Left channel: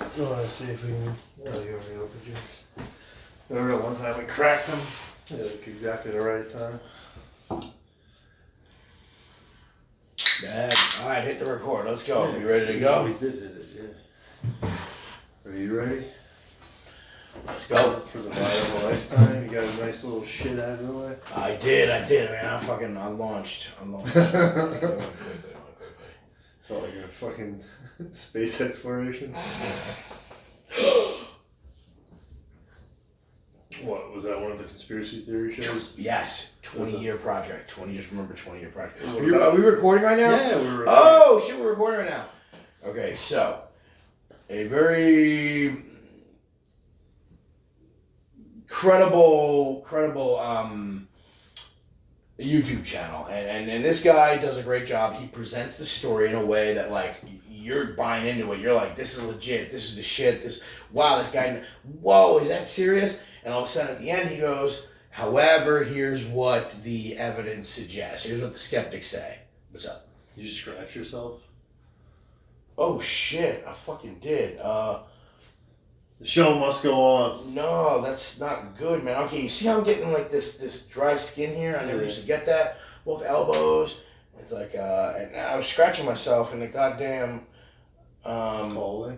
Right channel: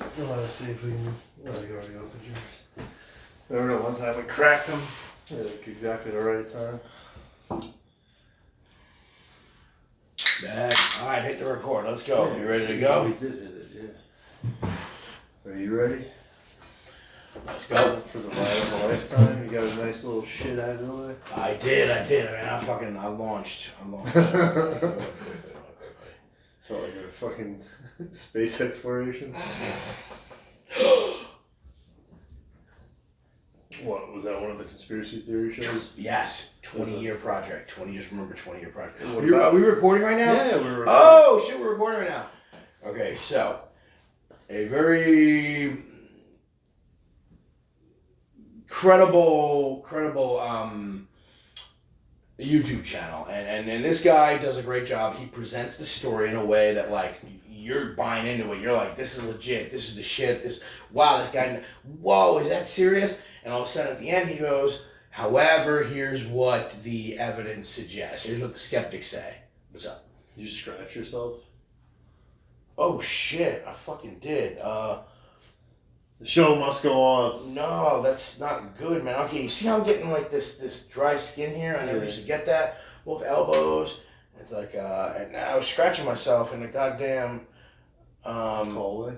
I want to see if we can. Oh, you already opened yours. Remember one time we cracked them at like exactly the right time? Alright, hit the record. Let's go. You ready to go? We did hit it, yeah. Are you ready? Let's go. For the ride of a lifetime, you got a nice little shit out of the way. I did, man. I launched. So like a fucking space exploration. What, was that one of the conspiracy theory shows? Yes, 20-year project. 20-year project. Are we recording right now? Yeah, we're recording. Oh, shit, we're recording right now. Okay, so, a very credible YouTube channel. And this guy does a great job. He presents the story in a way that, like, you're buying into it. You're like, this is legit. This is the shit. Wow, this guy, whoa, is that serious? And all of a sudden at the end he goes, however, here's what the evidence suggests. Here's what the skeptics say. What's up? Did you scratch yourself? Oh shit, I fucking did. The show must go on. No, that's not good, man. Okay, you see how I'm getting like this dry skin here? I never used to get that. Both elbows. It's like, and I was scratching myself in the goddamn... hallway?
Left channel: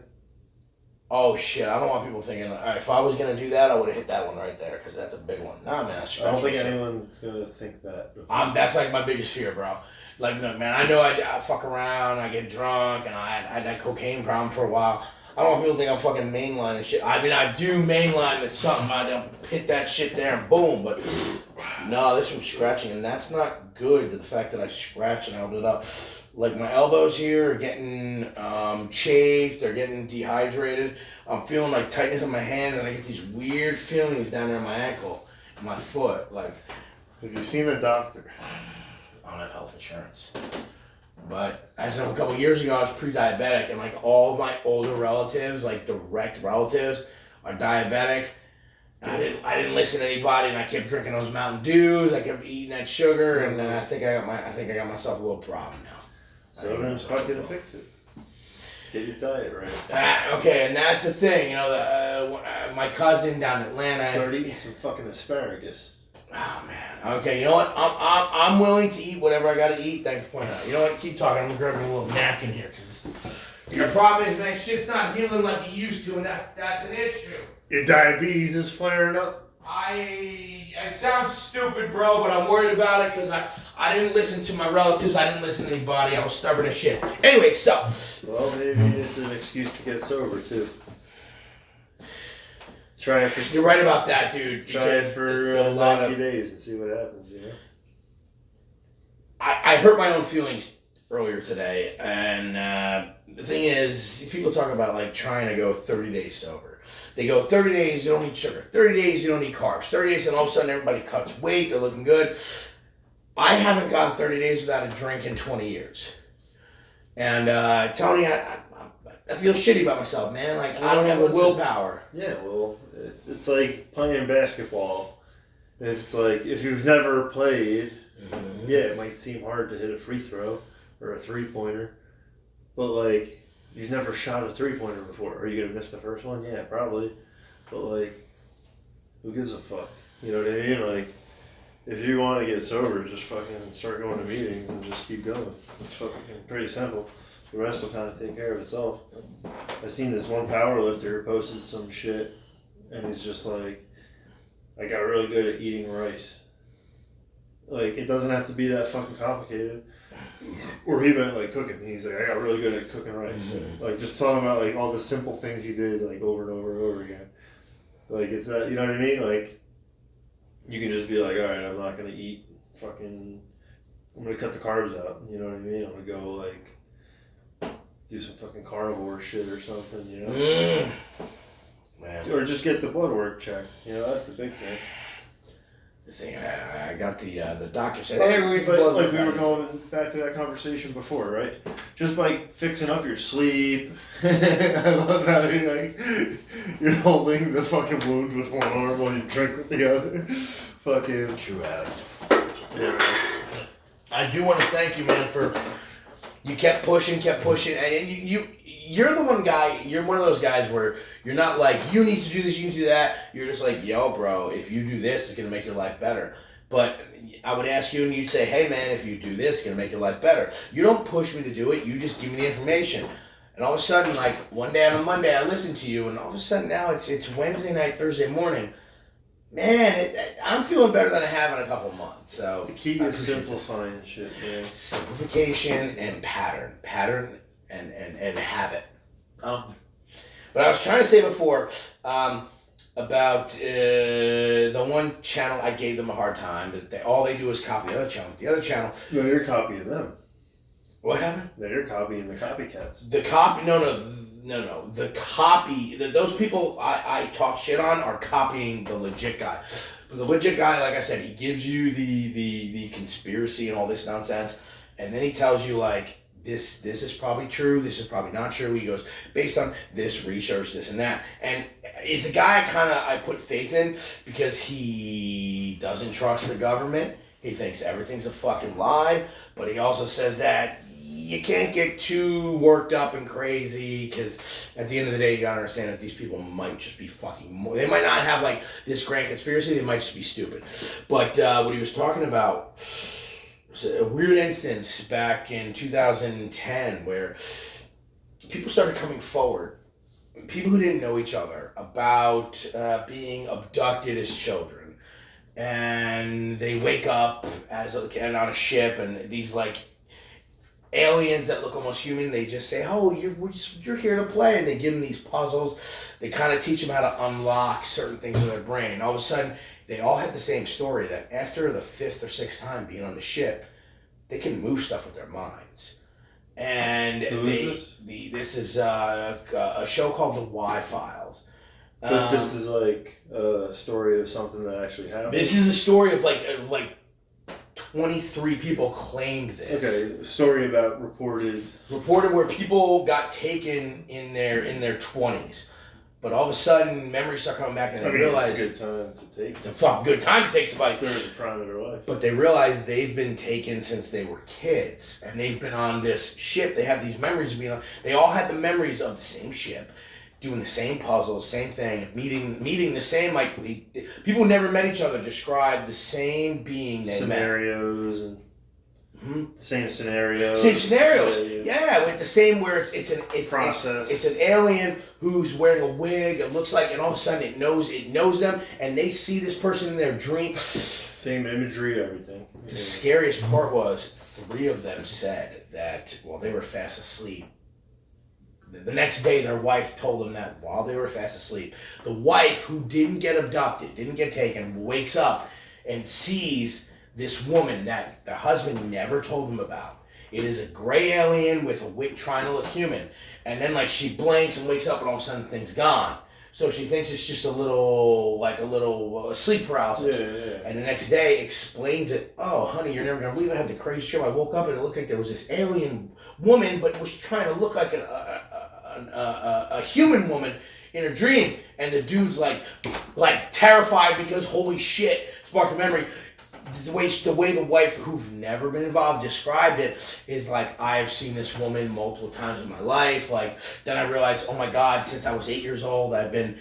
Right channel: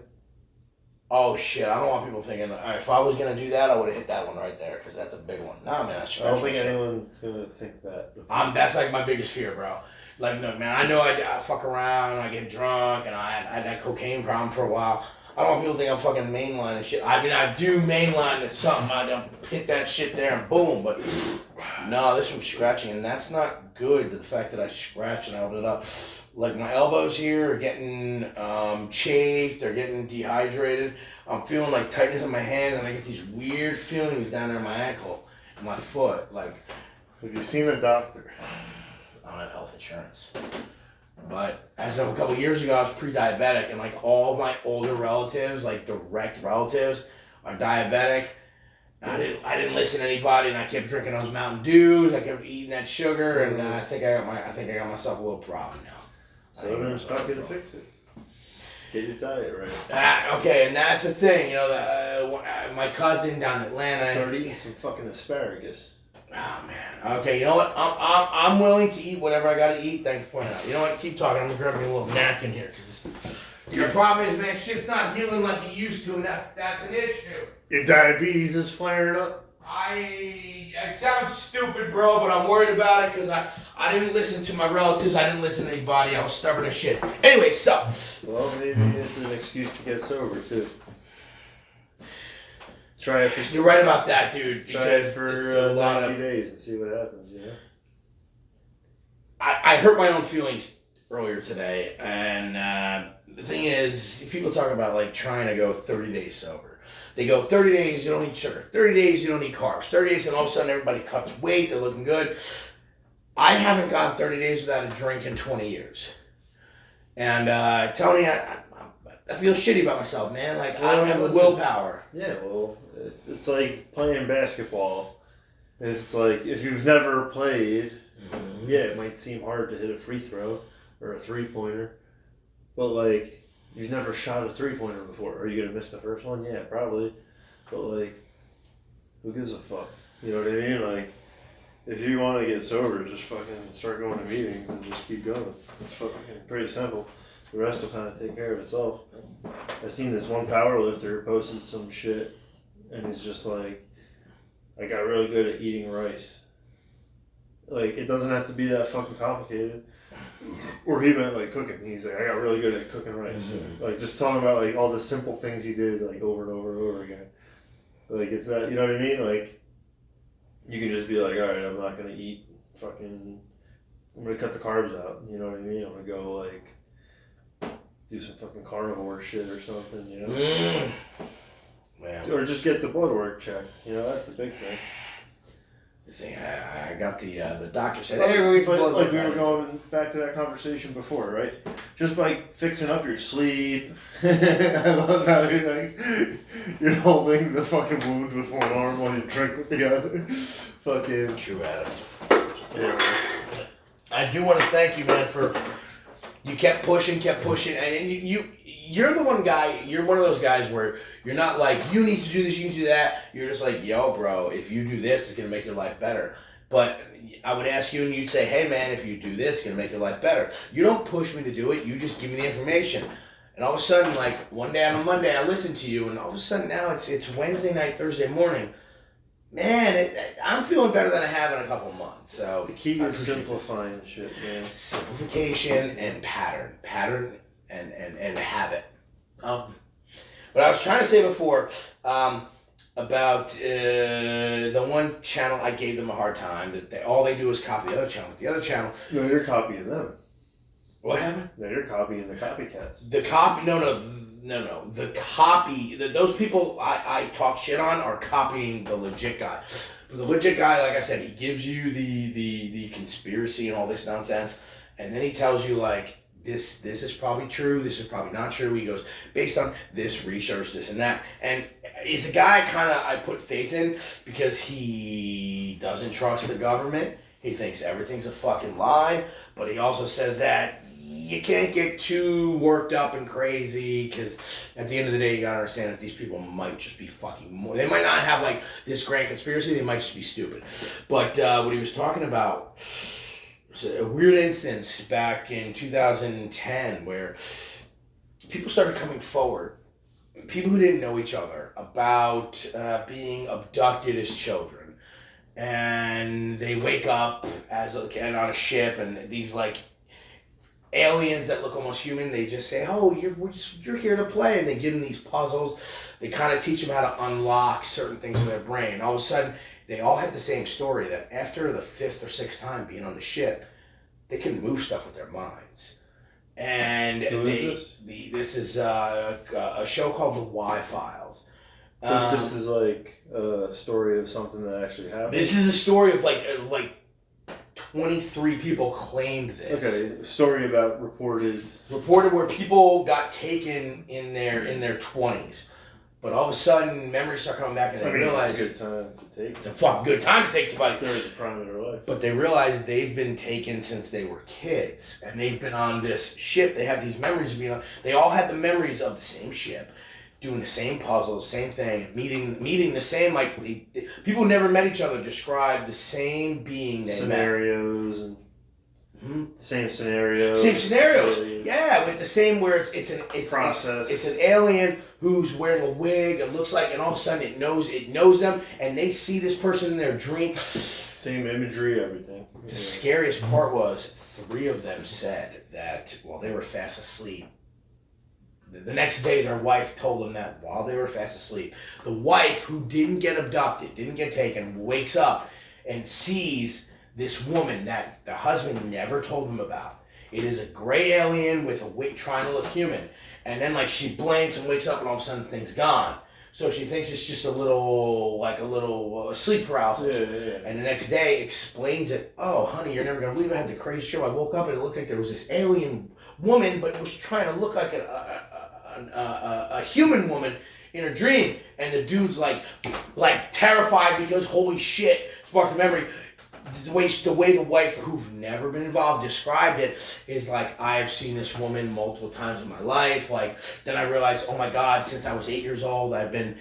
Oh shit, I don't want people thinking, alright, if I was going to do that, I would have hit that one right there, because that's a big one. Nah, man, I don't think anyone's going to think that. That's like my biggest fear, bro. Like, no, man, I know I fuck around, I get drunk, and I had that cocaine problem for a while. I don't want people to think I'm fucking mainlining shit. I mean, I do mainline with something. I hit that shit there and boom, but no, this was scratching, and that's not good, the fact that I scratch and I open it up. Like, my elbows here are getting chafed, they're getting dehydrated. I'm feeling like tightness in my hands, and I get these weird feelings down there in my ankle and my foot. Like, have you seen a doctor? I don't have health insurance. But as of a couple of years ago, I was pre-diabetic, and like all of my older relatives, like direct relatives, are diabetic. And I didn't listen to anybody, and I kept drinking those Mountain Dews. I kept eating that sugar, and I think I got myself a little problem now. So then fucking fix it. Get your diet right. Okay, and that's the thing, you know. My cousin down in Atlanta. Start eating some fucking asparagus. Oh man. Okay, you know what? I'm willing to eat whatever I gotta eat. Thanks for pointing out. You know what? Keep talking. I'm gonna grab me a little napkin here, because your problem is, man, shit's not healing like it used to, and that's an issue. Your diabetes is flaring up. It sounds stupid, bro, but I'm worried about it because I didn't listen to my relatives. I didn't listen to anybody. I was stubborn as shit. Anyway, so. Well, maybe it's an excuse to get sober, too. Try it for... You're right about that, dude. Try it for 90 days and see what happens, you know? I hurt my own feelings earlier today, and the thing is, people talk about, like, trying to go 30 days sober. They go, 30 days, you don't eat sugar. 30 days, you don't eat carbs. 30 days, and all of a sudden, everybody cuts weight. They're looking good. I haven't gone 30 days without a drink in 20 years. And Tony, I feel shitty about myself, man. Like, I don't have the willpower. Yeah, well, it's like playing basketball. It's like, if you've never played, yeah, it might seem hard to hit a free throw or a three-pointer. But, like... You've never shot a three-pointer before. Are you going to miss the first one? Yeah, probably. But, like, who gives a fuck? You know what I mean? Like, if you want to get sober, just fucking start going to meetings and just keep going. It's fucking pretty simple. The rest will kind of take care of itself. I seen this one powerlifter posted some shit, and he's just like, I got really good at eating rice. Like, it doesn't have to be that fucking complicated. Or he meant like cooking. He's like, I got really good at cooking rice. Mm-hmm. Like, just talking about like all the simple things he did like over and over and over again. Like, it's that, you know what I mean? Like, you can just be like, all right, I'm not gonna eat fucking. I'm gonna cut the carbs out. You know what I mean? I'm gonna go like do some fucking carnivore shit or something. You know? Man. Or just get the blood work checked. You know, that's the big thing. Thing. I got the doctor said, hey, we were going back to that conversation before, right? Just by fixing up your sleep. I love how you're holding the fucking wound with one arm while you drink with the other. Fucking true addict. Yeah. I do want to thank you, man, for You kept pushing, and you're the one guy. You're one of those guys where you're not like you need to do this, you need to do that. You're just like, yo, bro, if you do this, it's gonna make your life better. But I would ask you, and you'd say, hey, man, if you do this, it's gonna make your life better. You don't push me to do it. You just give me the information. And all of a sudden, like one day on a Monday, I listen to you, and all of a sudden now it's Wednesday night, Thursday morning. Man, I'm feeling better than I have in a couple of months. So the key is simplifying shit, man. Simplification and pattern and habit. But I was trying to say before about the one channel I gave them a hard time that all they do is copy the other channel. The other channel. No, you're copying them. What happened? They're copying the copycats. The copy. No. The copy. Those people I talk shit on are copying the legit guy. But the legit guy, like I said, he gives you the conspiracy and all this nonsense, and then he tells you like this is probably true. This is probably not true. He goes based on this research, this and that, and is a guy I put faith in because he doesn't trust the government. He thinks everything's a fucking lie, but he also says that you can't get too worked up and crazy because at the end of the day, you gotta understand that these people might just be fucking. They might not have like this grand conspiracy. They might just be stupid. But what he was talking about was a weird instance back in 2010 where people started coming forward. People who didn't know each other about being abducted as children, and they wake up and on a ship, and these like aliens that look almost human. They just say, "Oh, you're here to play," and they give them these puzzles. They kind of teach them how to unlock certain things in their brain. All of a sudden, they all had the same story that after the 5th or 6th time being on the ship, they can move stuff with their minds. And this is a show called The Y-Files. But this is like a story of something that actually happened. This is a story of like 23 people claimed this. Okay, story about reported where people got taken in their 20s, but all of a sudden memories start coming back and they realize it's a good time to take. It's a fucking good time to take somebody. They're in the prime of their life. But they realize they've been taken since they were kids, and they've been on this ship. They have these memories of being on. They all had the memories of the same ship, doing the same puzzles, same thing, meeting the same people who never met each other describe the same being they scenarios met. And same scenarios. Same scenarios. Yeah, with the same where it's an alien who's wearing a wig and looks like, and all of a sudden it knows them, and they see this person in their dream. Same imagery, everything. The scariest part was 3 of them said that while they were fast asleep. The next day, their wife told them that while they were fast asleep, the wife who didn't get abducted, didn't get taken, wakes up and sees this woman that the husband never told them about. It is a gray alien with a wig trying to look human. And then she blinks and wakes up and all of a sudden the thing's gone. So she thinks it's just a little sleep paralysis. Yeah. And the next day explains it. Oh, honey, you're never going to believe I had the crazy show. I woke up and it looked like there was this alien woman, but was trying to look like a human woman in her dream. And the dude's like terrified because holy shit, sparked a memory. The way the wife, who's never been involved, described it is I've seen this woman multiple times in my life. Then I realized, oh my God, since I was 8 years old, I've been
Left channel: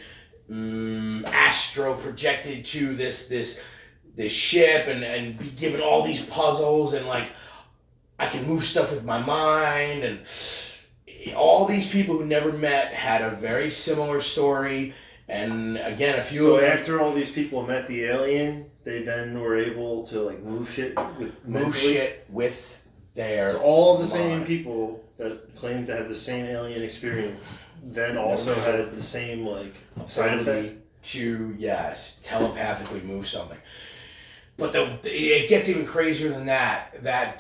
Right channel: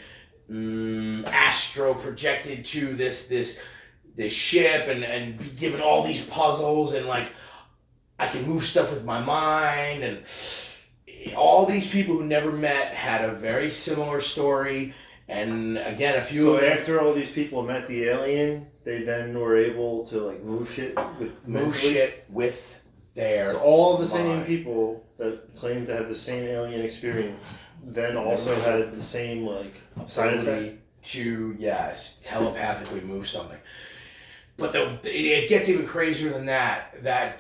astro projected to this ship and be given all these puzzles, and I can move stuff with my mind. And all these people who never met had a very similar story. And again, a few. So after all these people met the alien, they then were able to move shit with their. So all the same people that claimed to have the same alien experience then also had the same side effect to telepathically move something. But it gets even crazier than that. That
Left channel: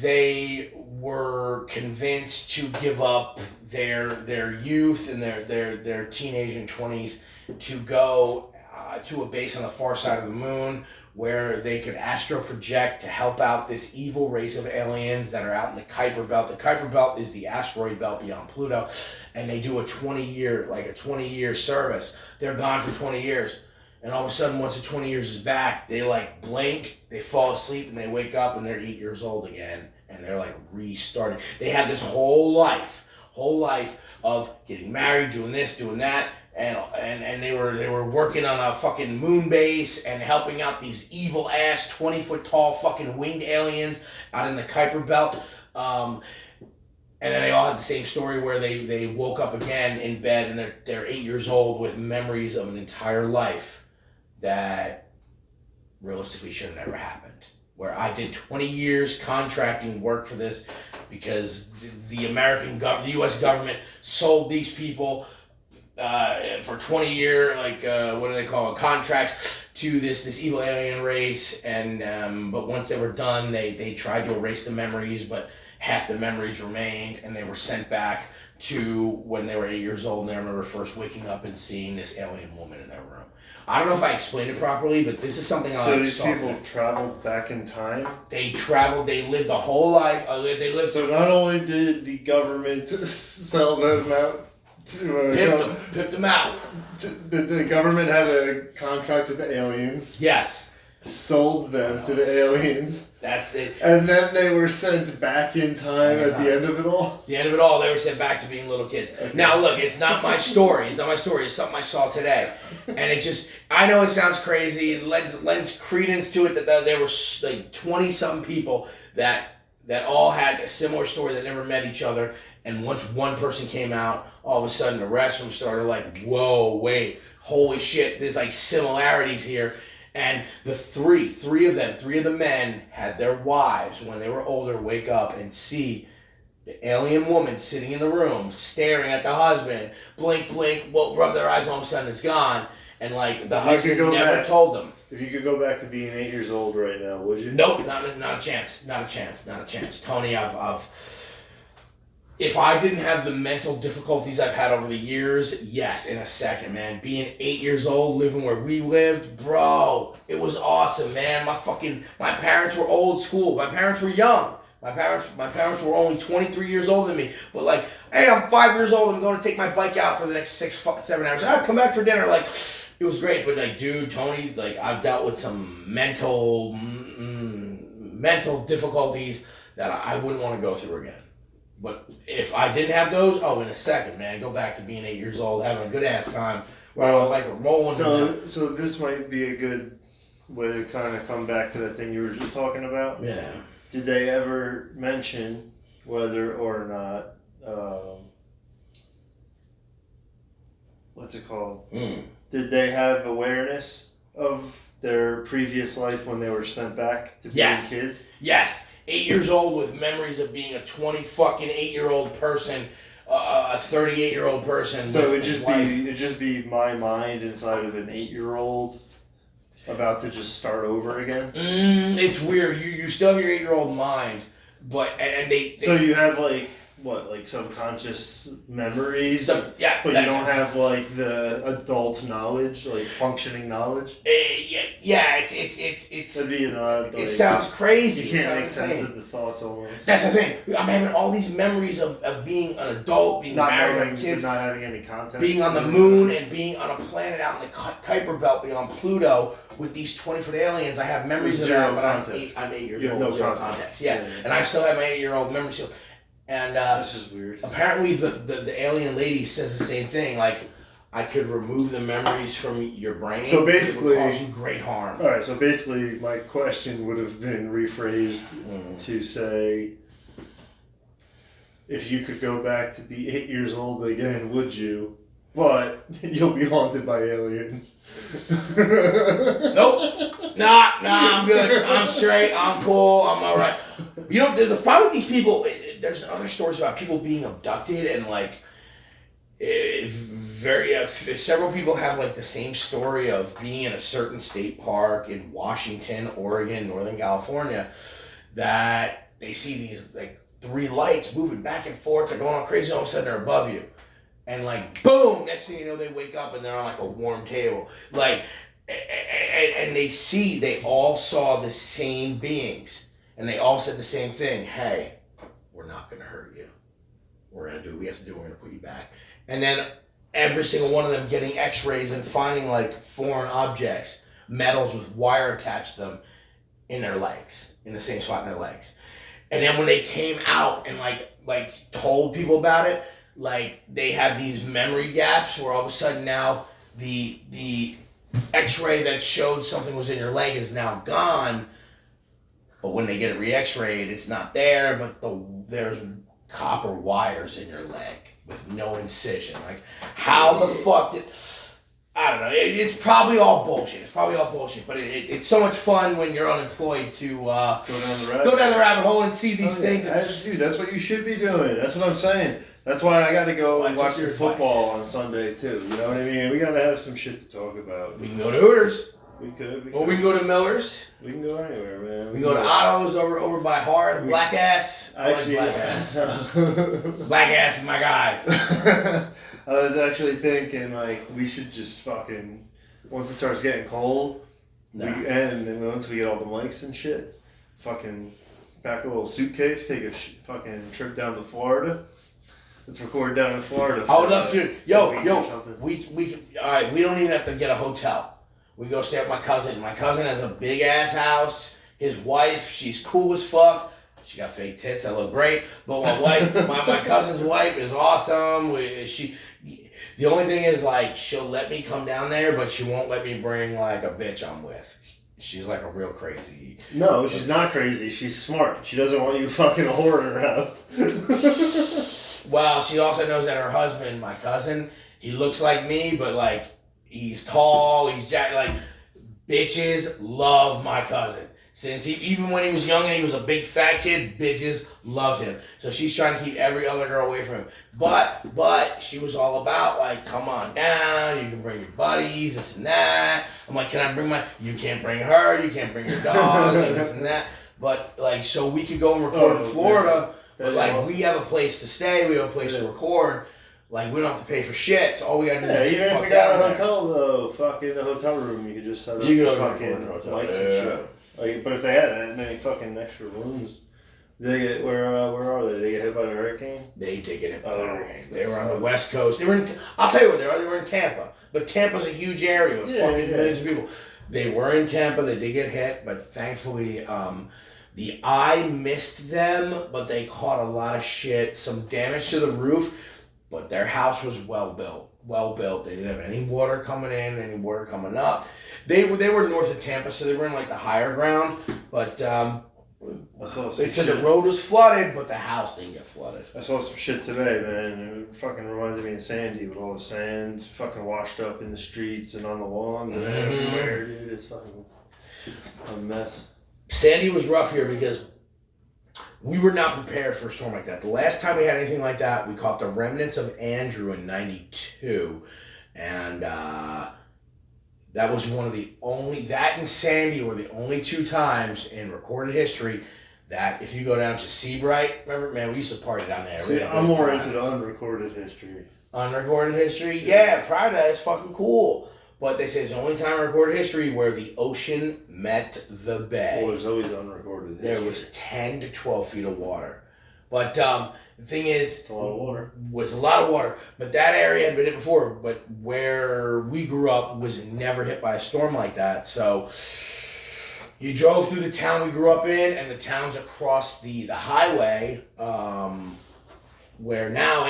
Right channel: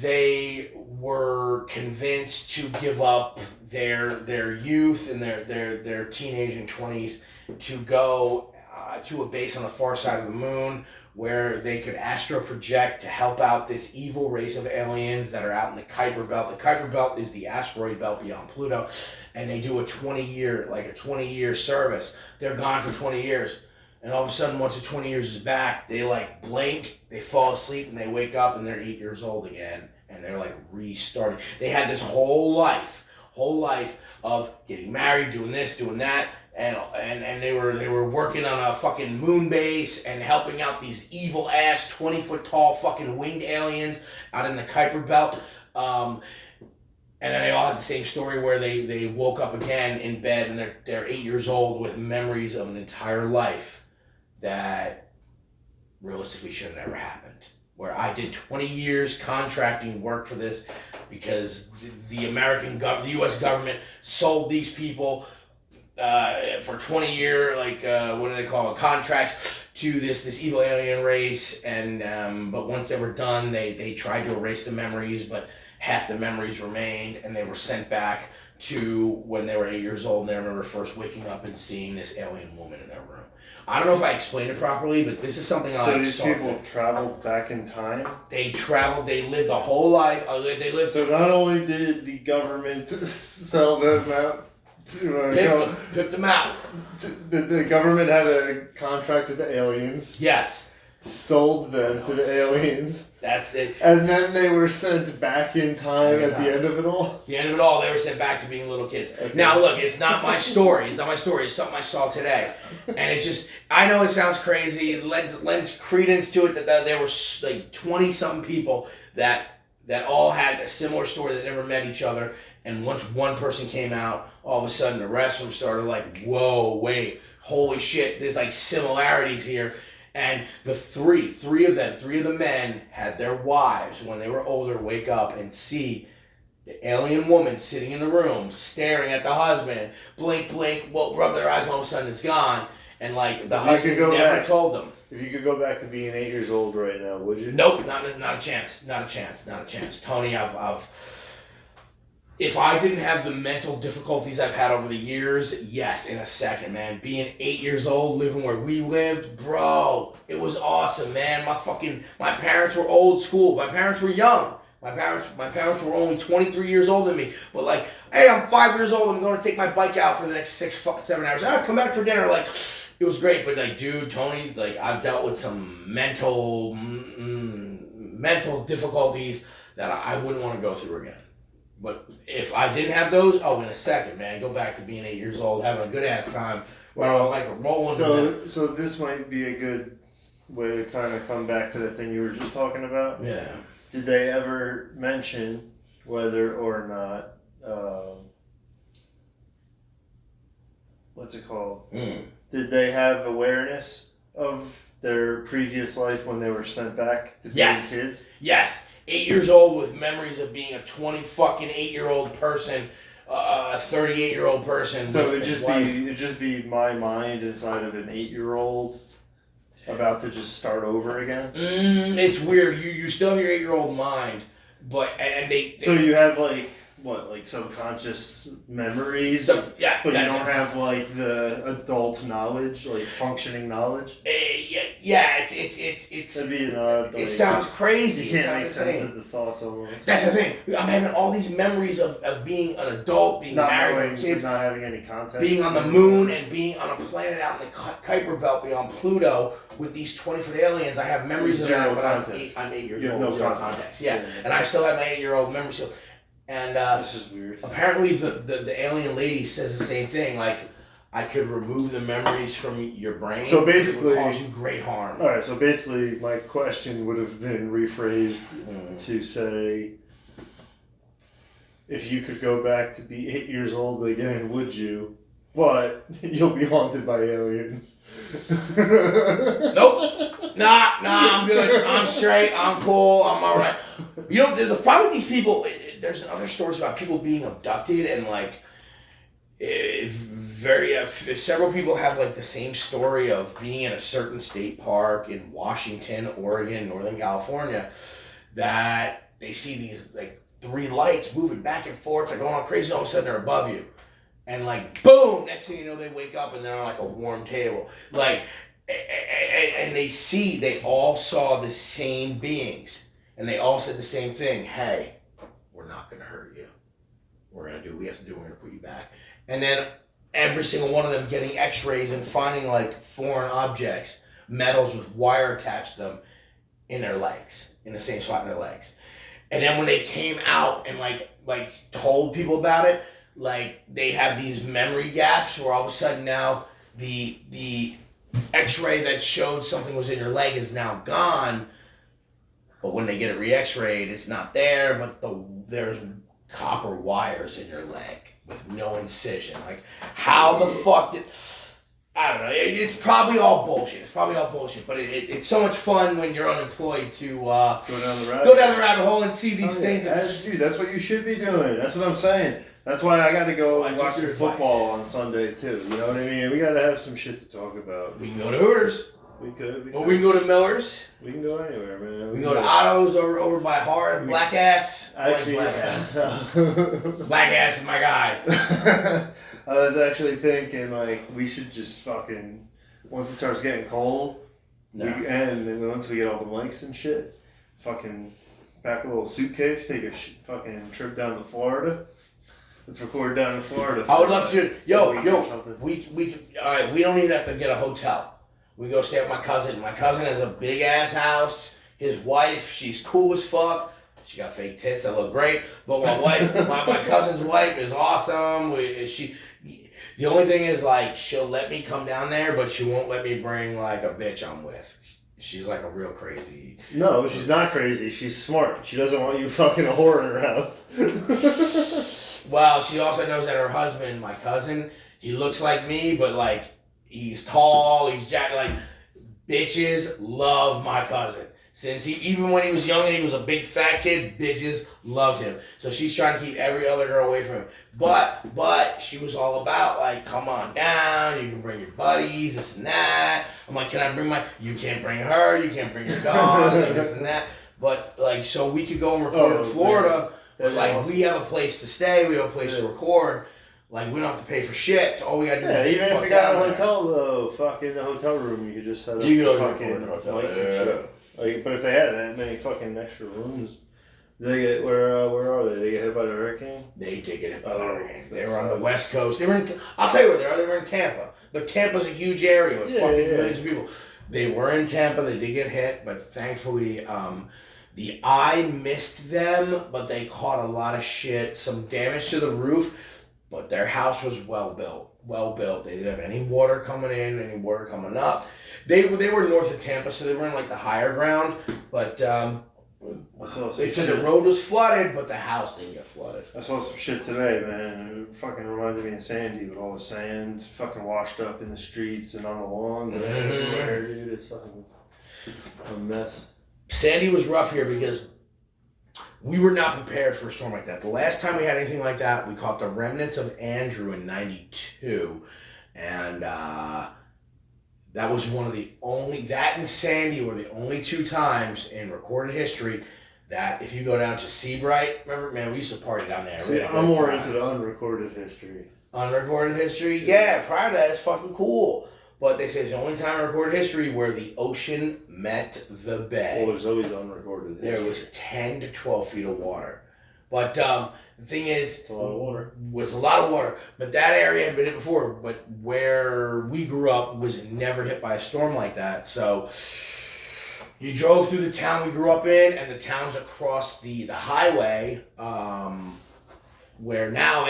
they were convinced to give up their youth and their teenage and 20s to go to a base on the far side of the moon where they could astro project to help out this evil race of aliens that are out in the Kuiper Belt. The Kuiper Belt is the asteroid belt beyond Pluto, and they do a 20-year service. They're gone for 20 years. And all of a sudden, once the 20 years is back, they blink, they fall asleep, and they wake up, and they're 8 years old again. and they're like restarting. They had this whole life of getting married, doing this, doing that, and they were working on a fucking moon base and helping out these evil ass 20-foot tall fucking winged aliens out in the Kuiper Belt. And then they all had the same story where they woke up again in bed and they're 8 years old with memories of an entire life that realistically should have never happened. Where I did 20 years contracting work for this because the the U.S. government sold these people for 20-year what do they call it, contracts to this evil alien race, and but once they were done, they tried to erase the memories, but half the memories remained, and they were sent back to when they were 8 years old, and they remember first waking up and seeing this alien woman in their room. I don't know if I explained it properly, but this is something I saw. So these people traveled back in time? They traveled, they lived a whole life. So not only did the government sell them out to... Pipped them out. The government had a contract with the aliens. Yes. Sold them to the aliens. That's it. And then they were sent back in time at the end of it all? The end of it all, they were sent back to being little kids. Okay. Now, look, it's not my story. It's something I saw today. And it just, I know it sounds crazy. It lends credence to it that there were like 20-something people that all had a similar story that never met each other. And once one person came out, all of a sudden the rest of them started like, whoa, wait, holy shit, there's like similarities here. And the three of the men had their wives, when they were older, wake up and see the alien woman sitting in the room, staring at the husband, blink, rub their eyes, and all of a sudden it's gone. And like the husband never told them. If you could go back to being 8 years old right now, would you? Nope, not a chance. Tony, if I didn't have the mental difficulties I've had over the years, yes, in a second, man. Being 8 years old, living where we lived, bro, it was awesome, man. My parents were old school. My parents were young. My parents were only 23 years older than me. But like, hey, I'm 5 years old. I'm going to take my bike out for the next 7 hours. I'll come back for dinner. Like, it was great. But like, dude, Tony, like, I've dealt with some mental difficulties that I wouldn't want to go through again. But if I didn't have those, in a second, man, go back to being 8 years old, having a good ass time. Well, like rolling. So this might be a good way to kind of come back to that thing you were just talking about. Yeah. Did they ever mention whether or not, what's it called? Did they have awareness of their previous life when they were sent back to be kids? Yes. 8 years old with memories of being a 8-year-old person, a 38-year-old person. So it'd just be my mind inside of an 8-year-old about to just start over again. It's weird. You still have your 8-year-old mind, but they so you have like subconscious memories, but you don't have like the adult knowledge, like functioning knowledge. It's that'd be an odd. It sounds crazy. You can't make sense of the thoughts almost. That's the thing. I'm having all these memories of being an adult, being married, with kids, not having any context, being on the moon, and being on a planet out in the Kuiper Belt beyond Pluto with these 20-foot aliens. I have memories of that, but I'm 8 years old. No zero context. Yeah, and I still have my 8-year-old memory still. And this is weird. Apparently, the alien lady says the same thing. Like, I could remove the memories from your brain. So basically, it would cause you great harm. All right. So basically, my question would have been rephrased to say, if you could go back to be 8 years old again, would you? But you'll be haunted by aliens. Nope. Nah, I'm good. I'm straight. I'm cool. I'm all right. You know, the problem with these people, there's other stories about people being abducted, and like, several people have like the same story of being in a certain state park in Washington, Oregon, Northern California, that they see these like 3 lights moving back and forth. They're going all crazy. All of a sudden, they're above you. And like, boom, next thing you know, they wake up and they're on like a warm table. Like, and they all saw the same beings. And they all said the same thing. Hey, we're not going to hurt you. We're going to do what we have to do. We're going to put you back. And then every single one of them getting x-rays and finding like foreign objects, metals with wire attached to them in their legs, in the same spot in their legs. And then when they came out and like told people about it, like they have these memory gaps where all of a sudden now the X-ray that showed something was in your leg is now gone. But when they get it re-X-rayed, it's not there. But there's copper wires in your leg with no incision. Like, how the fuck did? I don't know. It's probably all bullshit. But it's so much fun when you're unemployed to go down the rabbit hole and see these things. Dude, that's what you should be doing. That's what I'm saying. That's why I got to go and watch the football on Sunday too. You know what I mean? We got to have some shit to talk about. We can go to Hooters. We could. Or we can go to Miller's. We can go anywhere, man. We can go to Otto's over by Hart. Black Ass. Actually, Black Ass. Black Ass is my guy. I was actually thinking, like, we should just fucking, once it starts getting cold, and once we get all the mics and shit, fucking pack a little suitcase, take a fucking trip down to Florida. Let's record down in Florida. I would love to. We all right. We don't even have to get a hotel. We go stay with my cousin. My cousin has a big ass house. His wife, she's cool as fuck. She got fake tits that look great. But my wife, my cousin's wife is awesome. The only thing is, like, she'll let me come down there, but she won't let me bring like a bitch I'm with. She's like a real crazy. No, she's not crazy. She's smart. She doesn't want you fucking a whore in her house. Well, she also knows that her husband, my cousin, he looks like me, but like he's tall, he's jacked. Like, bitches love my cousin. Since even when he was young and he was a big fat kid, bitches loved him. So she's trying to keep every other girl away from him. But she was all about, like, come on down, you can bring your buddies, this and that. I'm like, can I bring you can't bring her, you can't bring your dog, like, this and that. But, like, so we could go and record in Florida, but, like, awesome. We have a place to stay, we have a place to record. Like, we don't have to pay for shit, so all we gotta do is even if we got a hotel, though, fucking the hotel room, you could just set up the fucking lights and shit. Like, but if they had that many fucking extra rooms, they get where are they? They get hit by the hurricane? They did get hit by the hurricane. They were on the West Coast. They were I'll tell you where they are. They were in Tampa. But Tampa's a huge area with fucking millions of people. They were in Tampa. They did get hit, but thankfully, the eye missed them, but they caught a lot of shit. Some damage to the roof, but their house was well built. They didn't have any water coming in, any water coming up. They were north of Tampa, so they were in like the higher ground. But they said the road was flooded, but the house didn't get flooded. I saw some shit today, man. It fucking reminded me of Sandy with all the sand fucking washed up in the streets and on the lawns and everywhere, dude. It's fucking a mess. Sandy was rough here because we were not prepared for a storm like that. The last time we had anything like that, we caught the remnants of Andrew in '92, and that was one of the only, that and Sandy were the only two times in recorded history that if you go down to Seabright, remember, man, we used to party down there. See, I'm more into the unrecorded history. Unrecorded history? Yeah, prior to that, it's fucking cool. But they say it's the only time in recorded history where the ocean met the bay. Well, there's always unrecorded history. There was 10 to 12 feet of water. But the thing is, it's a lot of water. Was a lot of water. But that area had been hit before. But where we grew up was never hit by a storm like that. So you drove through the town we grew up in, and the towns across the highway, where now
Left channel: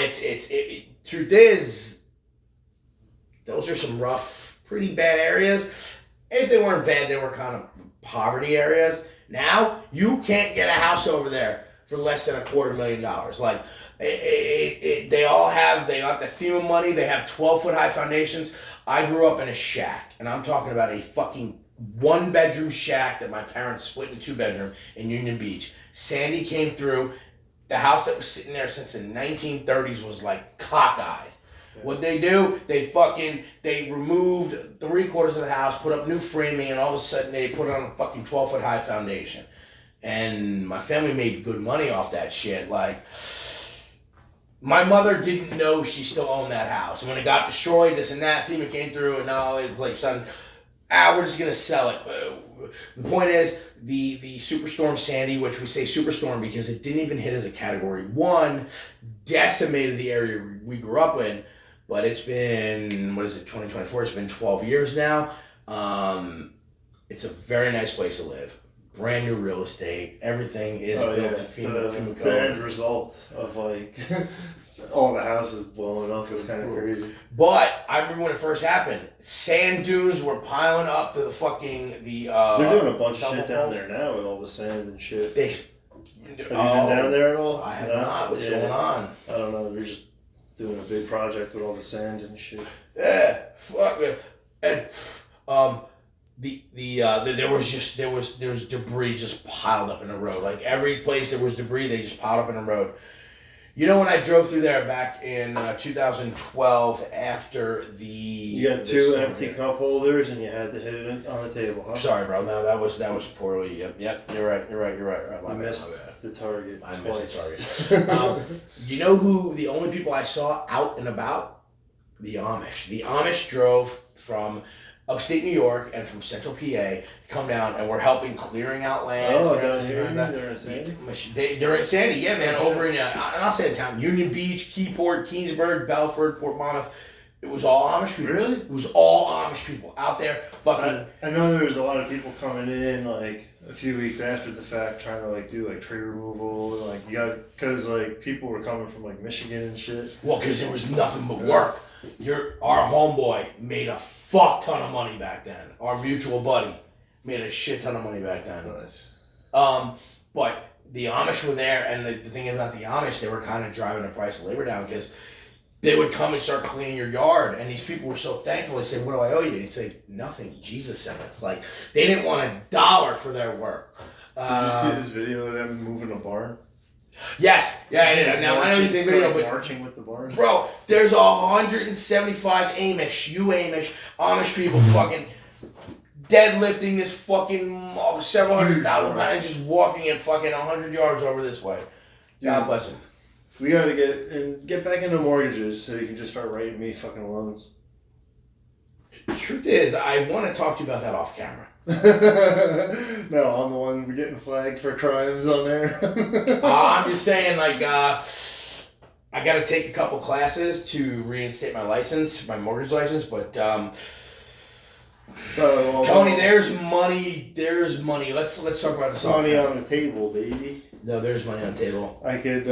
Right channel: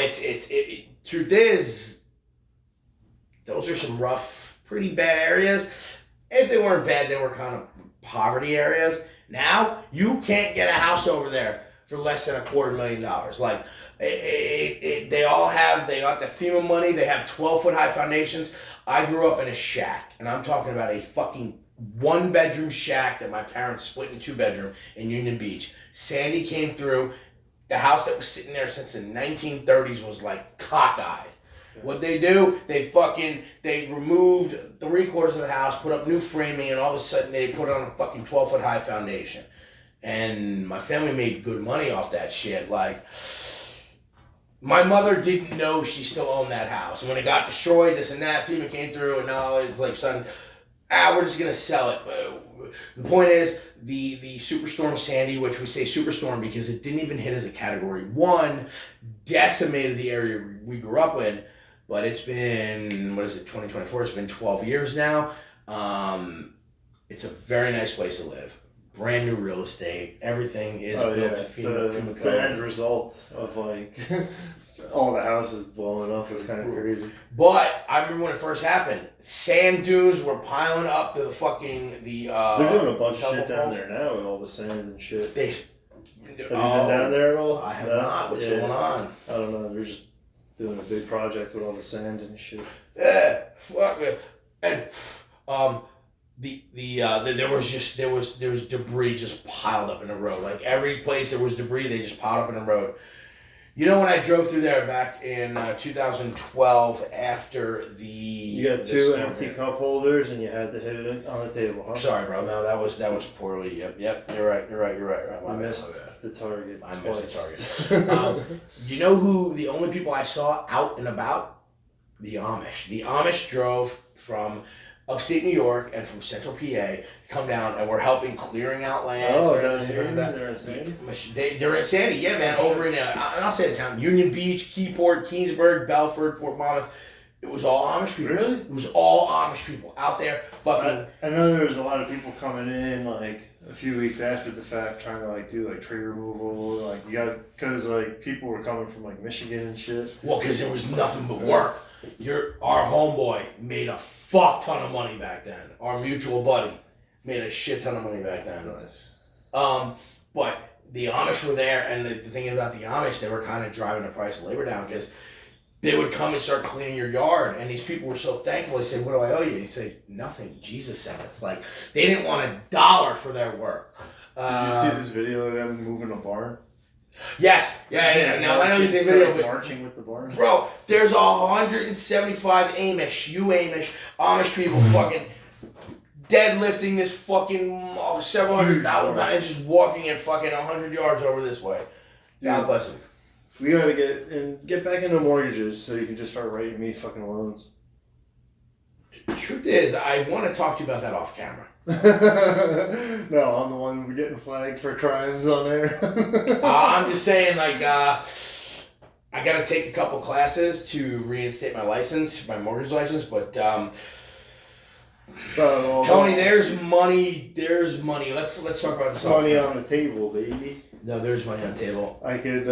truth is, those are some rough, pretty bad areas. If they weren't bad, they were kind of poverty areas. Now you can't get a house over there for less than $250,000. Like, they got the FEMA money. They have 12-foot high foundations. I grew up in a shack, and I'm talking about a fucking 1-bedroom shack that my parents split in 2-bedroom in Union Beach. Sandy came through. The house that was sitting there since the 1930s was like cockeyed. What they do, they removed 3/4 of the house, put up new framing, and all of a sudden they put on a fucking 12-foot high foundation. And my family made good money off that shit. Like, my mother didn't know she still owned that house. And when it got destroyed, this and that, FEMA came through, and now it's like, son, we're just going to sell it. But the point is, the Superstorm Sandy, which we say Superstorm because it didn't even hit as a Category 1, decimated the area we grew up in. But it's been, 2024? It's been 12 years now. It's a very nice place to live. brand new real estate. Everything is built to FEMA the end result of like all the houses blowing up is kind of crazy. But I remember when it first happened, sand dunes were piling up to the fucking They're doing a bunch of shit down there now with all the sand and shit. Have you been down there at all? I have not. What's going on? I don't know. They're just doing a big project with all the sand and shit. Yeah, fuck it. And there was debris just piled up in the road. Like every place there was debris, they just piled up in the road. You know when I drove through there back in 2012 after the... You got two empty cup holders and you had to hit it on the table, huh? Sorry, bro. No, that was poorly. Yep. You're right. I missed the target. I missed the target. You know who the only people I saw out and about? The Amish. The Amish drove from upstate New York and from central PA come down and we're helping clearing out land. Oh, down here? They're in Sandy? They're in Sandy, yeah, man. Over in, and I'll say the town, Union Beach, Keyport, Keensburg, Belford, Port Monmouth. It was all Amish people. Really? It was all Amish people out there fucking. I know there was a lot of people coming in like a few weeks after the fact trying to like do like tree removal. Like you got, because like people were coming from like Michigan and shit. Well, because there was nothing but work. Our homeboy made a fuck ton of money back then. Our mutual buddy made a shit ton of money back then. Nice. But the Amish were there, and the thing about the Amish, they were kind of driving the price of labor down because they would come and start cleaning your yard, and these people were so thankful. They said, "What do I owe you?" And he'd say, "Nothing. Jesus sent us." Like they didn't want $1 for their work. Did you see this video of them moving a barn? Yes, yeah. Now I know you say video, but marching with the barn. Bro, there's 175 Amish people fucking deadlifting this fucking several hundred thousand pounds, just walking and fucking 100 yards over this way. God bless them. We gotta get back into mortgages so you can just start writing me fucking loans. The truth is, I want to talk to you about that off camera. No, I'm the one getting flagged for crimes on there. I'm just saying, like, I got to take a couple classes to reinstate my license, my mortgage license, but Tony, there's money. Let's talk about this. Money on the table, baby. No, there's money on the table. I could,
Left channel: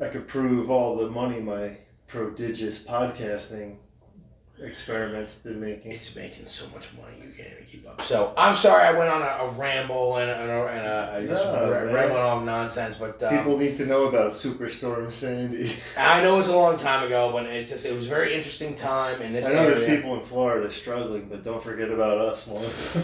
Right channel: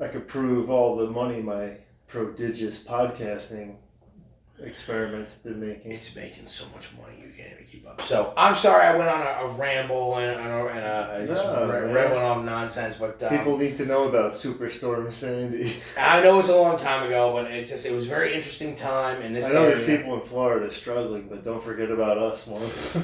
I could prove all the money my prodigious podcasting experiment's been making. It's making so much money you can't even keep up. So I'm sorry I went on a ramble and rambling off nonsense, but people need to know about Superstorm Sandy. I know it was a long time ago, but it was a very interesting time in this. I know there's people in Florida struggling, but don't forget about us once.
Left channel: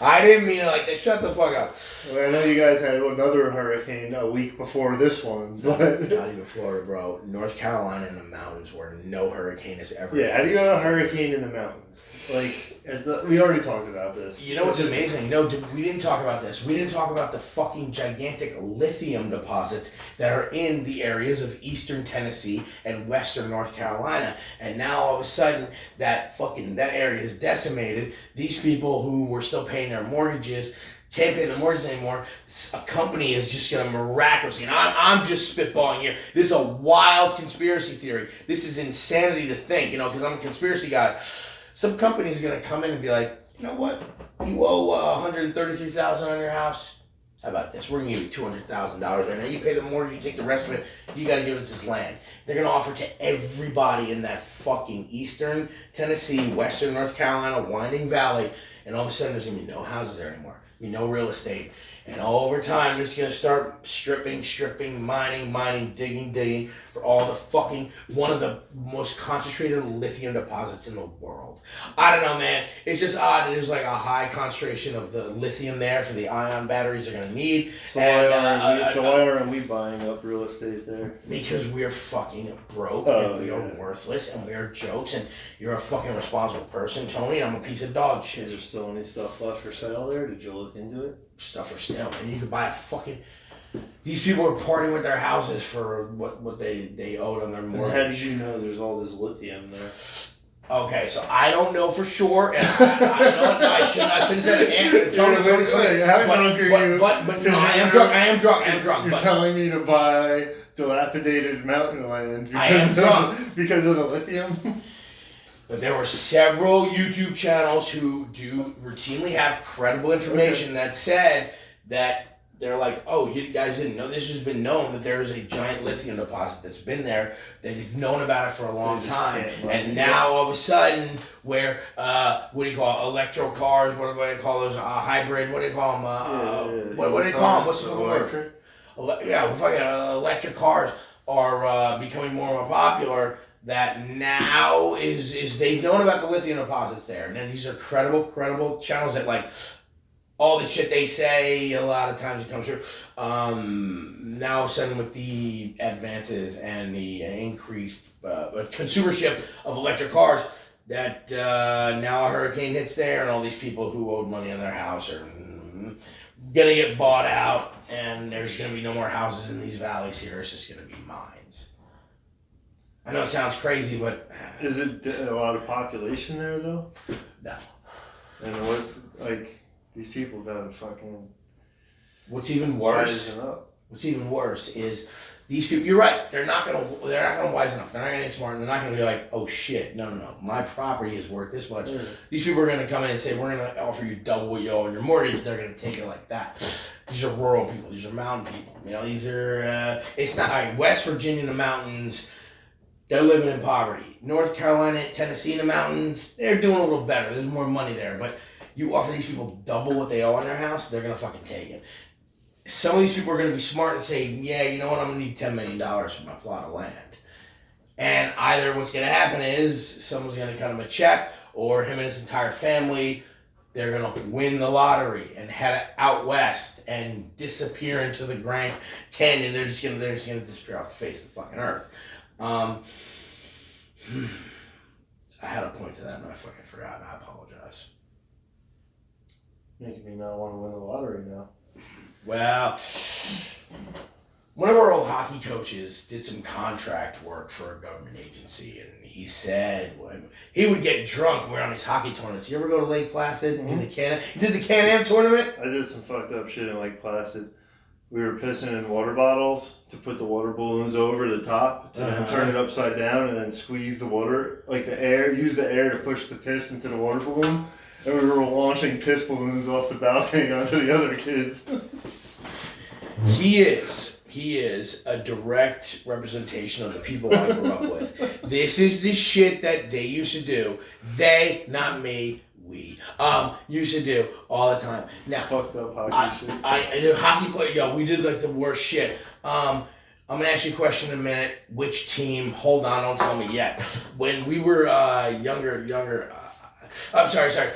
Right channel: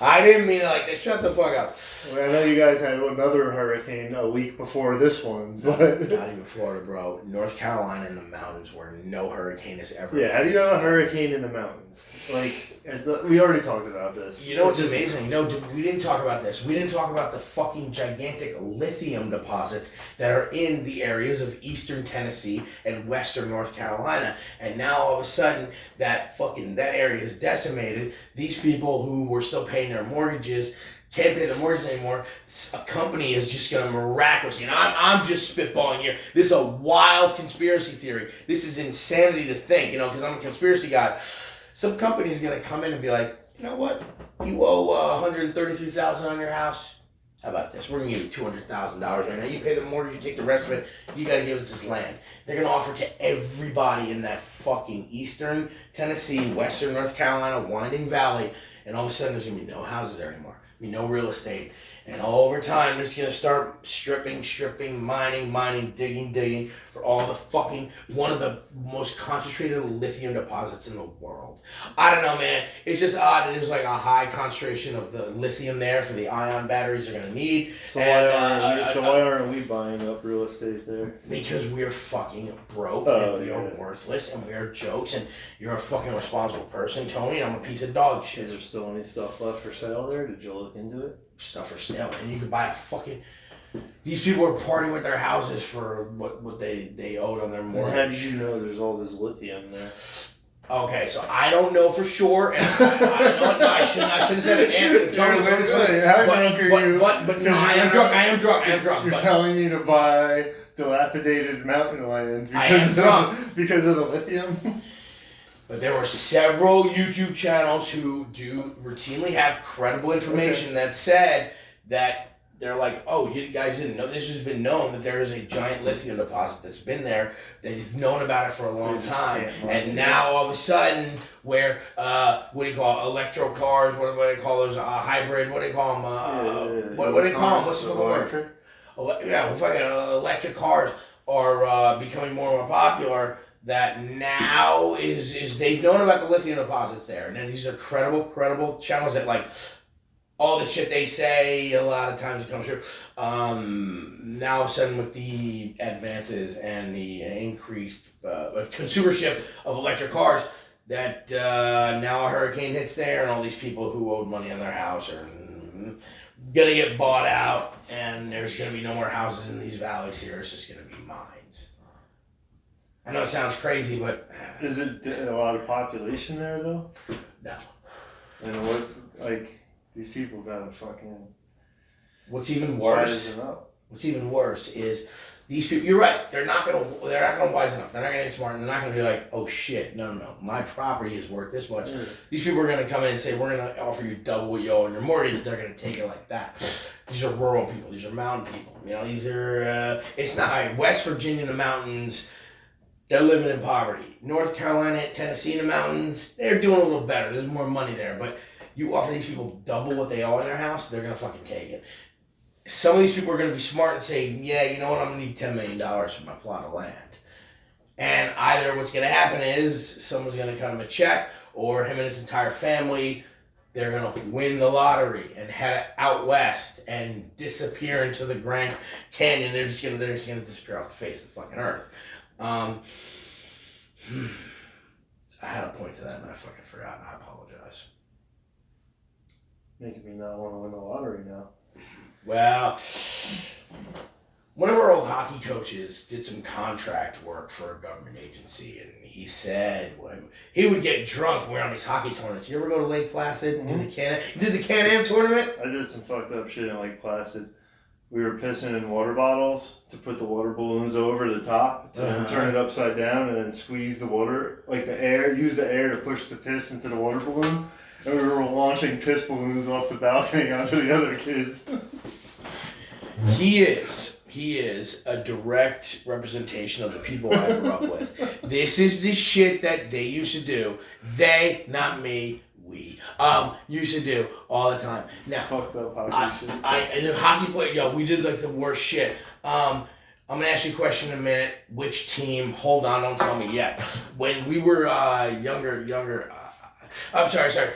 I didn't mean it like that. Shut the fuck up. Well, I know you guys had another hurricane a week before this one, but not even Florida, bro. North Carolina in the mountains where no hurricane has ever. Yeah, how do you have a hurricane in the mountains? Like, we already talked about this. You know what's amazing? No, we didn't talk about this. We didn't talk about the fucking gigantic lithium deposits that are in the areas of eastern Tennessee and western North Carolina. And now all of a sudden, that area is decimated. These people who were still paying their mortgages can't pay their mortgage anymore. A company is just going to miraculously, and I'm just spitballing here. This is a wild conspiracy theory. This is insanity to think, because I'm a conspiracy guy. Some company is going to come in and be like, you know what? You owe $133,000 on your house. How about this? We're going to give you $200,000 right now. You pay the mortgage, you take the rest of it. You got to give us this land. They're going to offer to everybody in that fucking eastern Tennessee, western North Carolina, Winding Valley, and all of a sudden there's going to be no houses there anymore. No real estate. And over time, it's going to start stripping, mining, digging for all the fucking, one of the most concentrated lithium deposits in the world. I don't know, man. It's just odd. There's like a high concentration of the lithium there for the ion batteries they're going to need. So why aren't we buying up real estate there? Because we're fucking broke and we are worthless and we are jokes and you're a fucking responsible person, Tony, and I'm a piece of dog shit. Is there still any stuff left for sale there? Did you look into it? Stuff for sale, and you could buy a fucking. These people are partying with their houses for what they owed on their mortgage. How did you know there's all this lithium there? Okay, so I don't know for sure, and I shouldn't have said it. How drunk are you? But no, I am drunk. You're telling me to buy dilapidated mountain land because of the lithium? But there were several YouTube channels who do routinely have credible information that said that they're like, oh, you guys didn't know. This has been known that there is a giant lithium deposit that's been there. They've known about it for a long time. And now all of a sudden, where, what do you call it? Electro cars, what do they call those? Hybrid, what do they call them? What do they call them? What's the word? Yeah, fucking electric cars are becoming more and more popular. That now is they've known about the lithium deposits there. And these are credible channels that like all the shit they say, a lot of times it comes true. Now all of a sudden with the advances and the increased consumership of electric cars, that now a hurricane hits there and all these people who owed money on their house are gonna get bought out, and there's gonna be no more houses in these valleys here. It's just gonna be mines. I know it sounds crazy, but is it a lot of population there though? No. And what's like these people gotta fucking. What's even worse is these people. You're right. They're not gonna wisen up. They're not gonna get smart. They're not gonna be like, oh shit, no. My property is worth this much. Yeah. These people are gonna come in and say, we're gonna offer you double what you owe on your mortgage. They're gonna take it like that. These are rural people. These are mountain people. You know, these are. It's not like West Virginia in the mountains. They're living in poverty. North Carolina, Tennessee in the mountains. They're doing a little better. There's more money there, but. You offer these people double what they owe on their house, they're going to fucking take it. Some of these people are going to be smart and say, yeah, you know what, I'm going to need $10 million for my plot of land. And either what's going to happen is someone's going to cut him a check, or him and his entire family, they're going to win the lottery and head out west and disappear into the Grand Canyon. They're just going to disappear off the face of the fucking earth. I had a point to that and I fucking forgot, and I apologize. Making me not want to win the lottery now. Well, one of our old hockey coaches did some contract work for a government agency, and he said when he would get drunk when we're on these hockey tournaments. You ever go to Lake Placid and did the Can-Am tournament? I did some fucked up shit in Lake Placid. We were pissing in water bottles to put the water balloons over the top, to then turn it upside down and then squeeze the water, like the air, use the air to push the piss into the water balloon. And we were launching piss balloons off the balcony onto the other kids. He is a direct representation of the people I grew up with. This is the shit that they used to do. They, not me, we used to do all the time. Now, fucked up hockey shit. The hockey player, we did like the worst shit. I'm gonna ask you a question in a minute. Which team? Hold on, don't tell me yet. When we were younger. I'm sorry.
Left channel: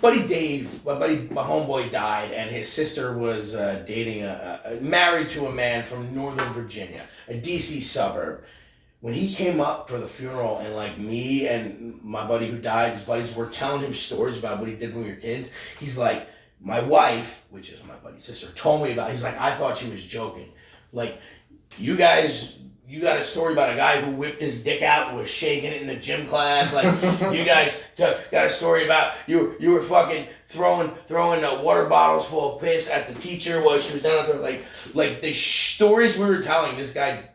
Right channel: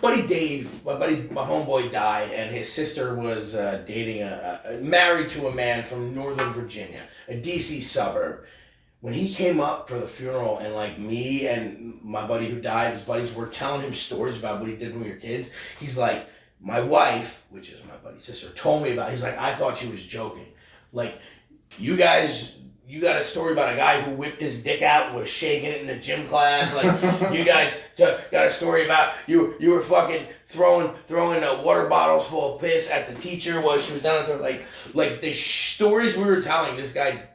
Buddy Dave, my homeboy died, and his sister was married to a man from Northern Virginia, a DC suburb. When he came up for the funeral, and like me and my buddy who died, his buddies were telling him stories about what he did when we were kids. He's like, my wife, which is my buddy's sister, told me about it. He's like, I thought she was joking. Like, you guys, you got a story about a guy who whipped his dick out and was shaking it in the gym class. Like, you guys got a story about you were fucking throwing water bottles full of piss at the teacher while she was down there. Like the stories we were telling, this guy,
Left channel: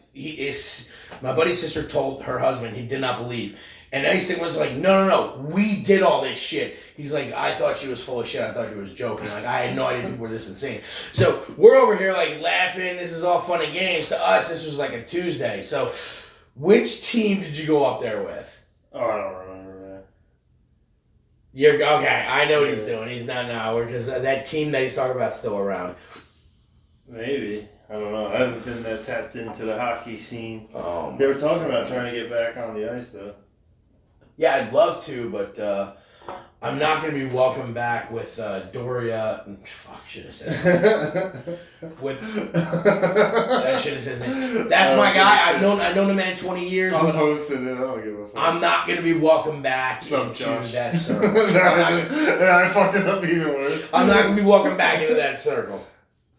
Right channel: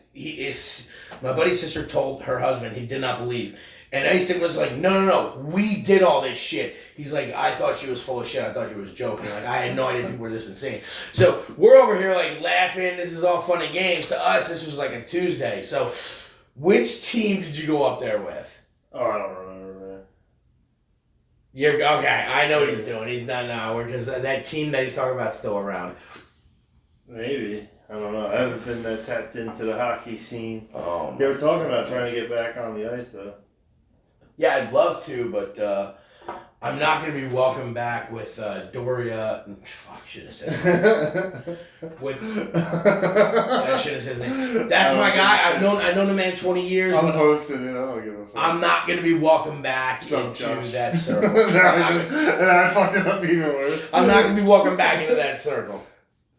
my buddy's sister told her husband, he did not believe. And Einstein was like, no, we did all this shit. He's like, I thought she was full of shit. I thought she was joking. Like, I had no idea people were this insane. So we're over here like laughing. This is all fun and games. To us, this was like a Tuesday. So which team did you go up there with? Oh, I don't remember, man. Okay, I know what he's doing. He's not now. Because that team that he's talking about is still around. Maybe. I don't know. I haven't been that tapped into the hockey scene. Oh, they were talking about trying to get back on the ice, though. Yeah, I'd love to, but I'm not going to be welcome back with Doria. Fuck, should have said that. I should have said that. That's my guy. I've known the man 20 years. I'm hosting it. I don't give a fuck. I'm not going to be welcome back into that circle. And I fucked it up even worse. I'm not going to be welcome back into that circle.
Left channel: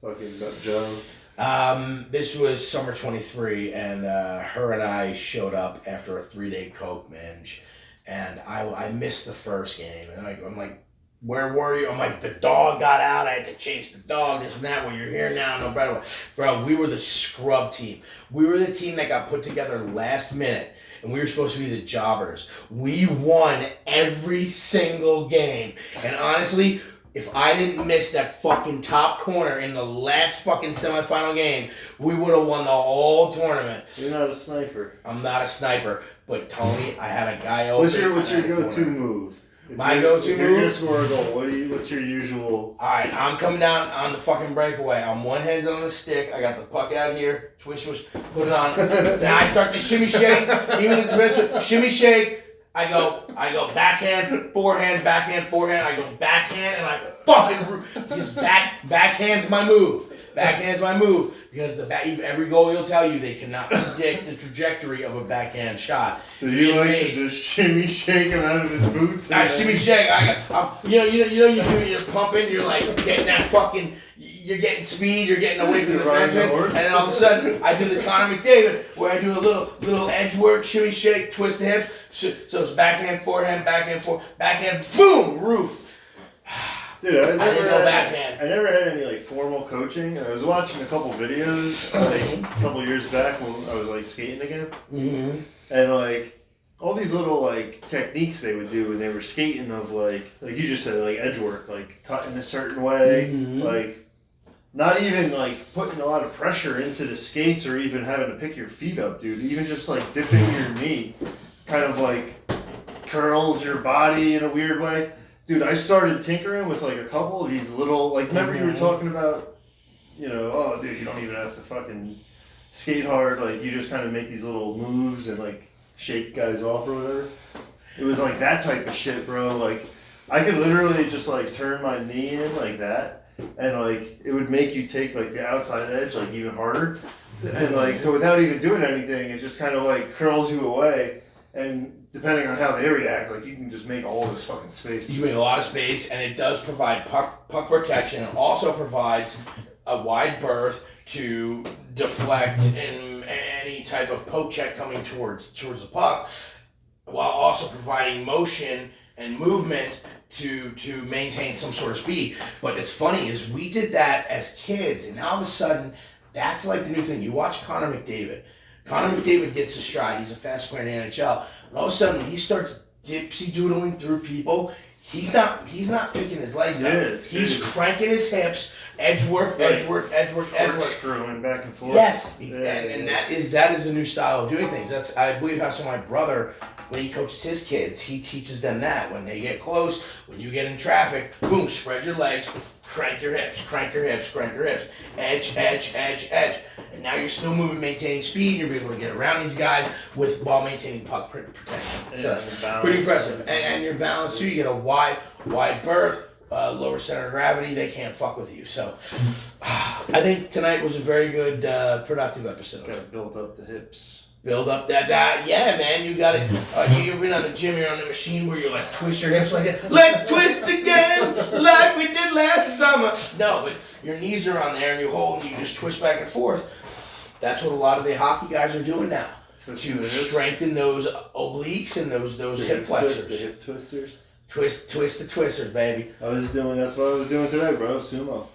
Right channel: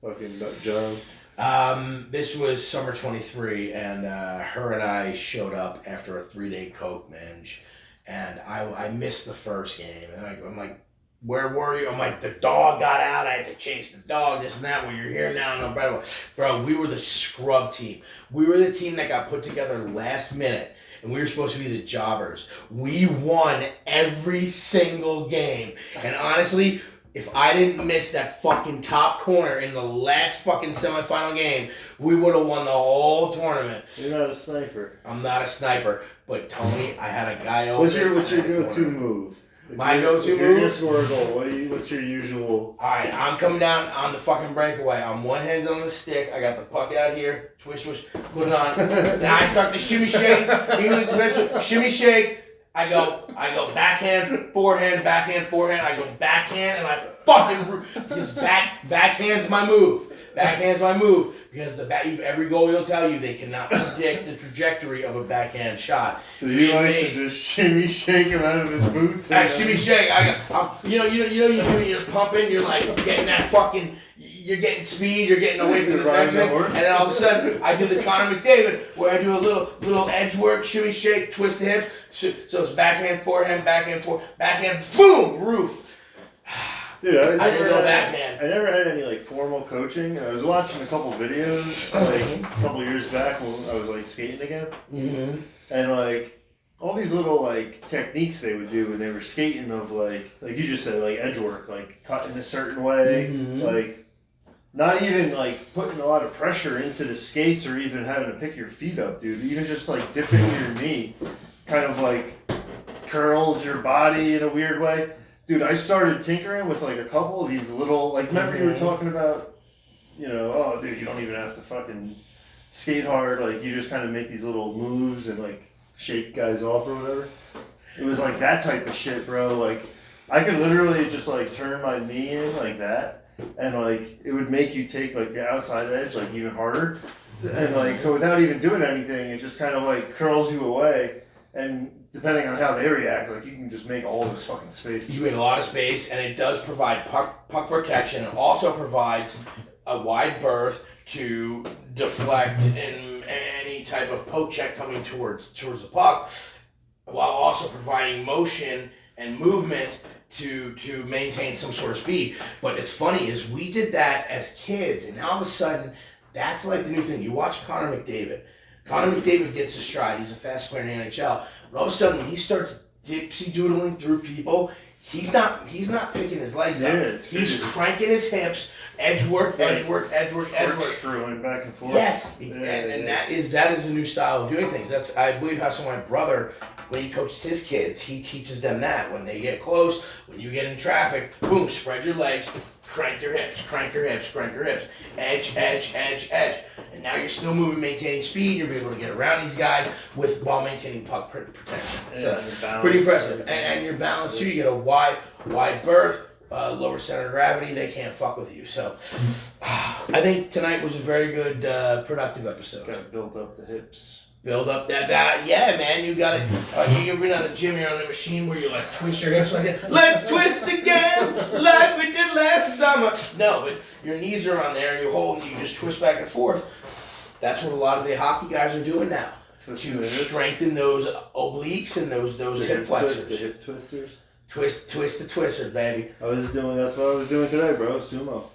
Fucking John. This was summer 23, and her and I showed up after a 3-day coke binge. And I missed the first game, and I'm like, where were you? I'm like, the dog got out. I had to chase the dog, this and that. Well, you're here now. No, bro, we were the scrub team. We were the team that got put together last minute, and we were supposed to be the jobbers. We won every single game. And honestly, if I didn't miss that fucking top corner in the last fucking semifinal game, we would have won the whole tournament. You're not a sniper. I'm not a sniper, but Tony, I had a guy over. What's your go-to move? My go-to move? If you're gonna score a goal, what's your usual? Alright, I'm coming down on the fucking breakaway. I'm one hand on the stick. I got the puck out here. Twist, put it on. Then I start to shimmy shake. Even the twist, shimmy shake. I go backhand, forehand, backhand, forehand. I go backhand and I fucking just backhand's my move. Backhand's my move because every goalie will tell you they cannot predict the trajectory of a backhand shot. So you like to just shimmy shake him out of his boots? I shimmy shake. You're pumping. You're like getting that fucking. You're getting speed. You're getting away from the defenseman, and then all of a sudden I do the Connor McDavid where I do a little edge work, shimmy shake, twist the hips. So it's backhand, forehand, backhand, boom, roof. Dude, I didn't go backhand. I never had any like formal coaching. I was watching a couple videos like a couple years back when I was like skating again, and like all these little like techniques they would do when they were skating of like you just said, like edge work, like cutting a certain way, like not even like putting a lot of pressure into the skates or even having to pick your feet up, dude. Even just like dipping your knee, kind of like curls your body in a weird way. Dude, I started tinkering with like a couple of these little, like, remember you were talking about, oh, dude, you don't even have to fucking skate hard. Like, you just kind of make these little moves and, like, shake guys off or whatever. It was like that type of shit, bro. Like, I could literally just, like, turn my knee in like that, and, like, it would make you take, like, the outside edge, like, even harder. And, like, so without even doing anything, it just kind of, like, curls you away. And depending on how they react, like, you can just make all this fucking space. You make a lot of space, and it does provide puck protection. It also provides a wide berth to deflect in any type of poke check coming towards the puck, while also providing motion and movement to maintain some sort of speed. But it's funny is we did that as kids, and now all of a sudden, that's like the new thing. You watch Connor McDavid. Connor McDavid gets a stride. He's a fast player in the NHL. But all of a sudden, when he starts dipsy doodling through people, he's not picking his legs up. He's cranking his hips, edge work. Screwing back and forth. Yes, and that is a new style of doing things. That's, I believe, how my brother, when he coaches his kids, he teaches them that. When they get close, when you get in traffic, boom, spread your legs, crank your hips, edge. And now you're still moving, maintaining speed. You're able to get around these guys while maintaining puck protection. So that's pretty impressive. And your balance too. You get a wide berth, lower center of gravity. They can't fuck with you. So I think tonight was a very good, productive episode. Gotta build up the hips. Build up that, yeah, man. You got it. You ever been on the gym? You're on the machine where you like twist your hips like that. Let's twist again, like we did last summer. No, but your knees are on there and you hold and you just twist back and forth. That's what a lot of the hockey guys are doing now to strengthen those obliques and those hip flexors. The hip twisters. Twist the twisters, baby. That's what I was doing today, bro. Sumo.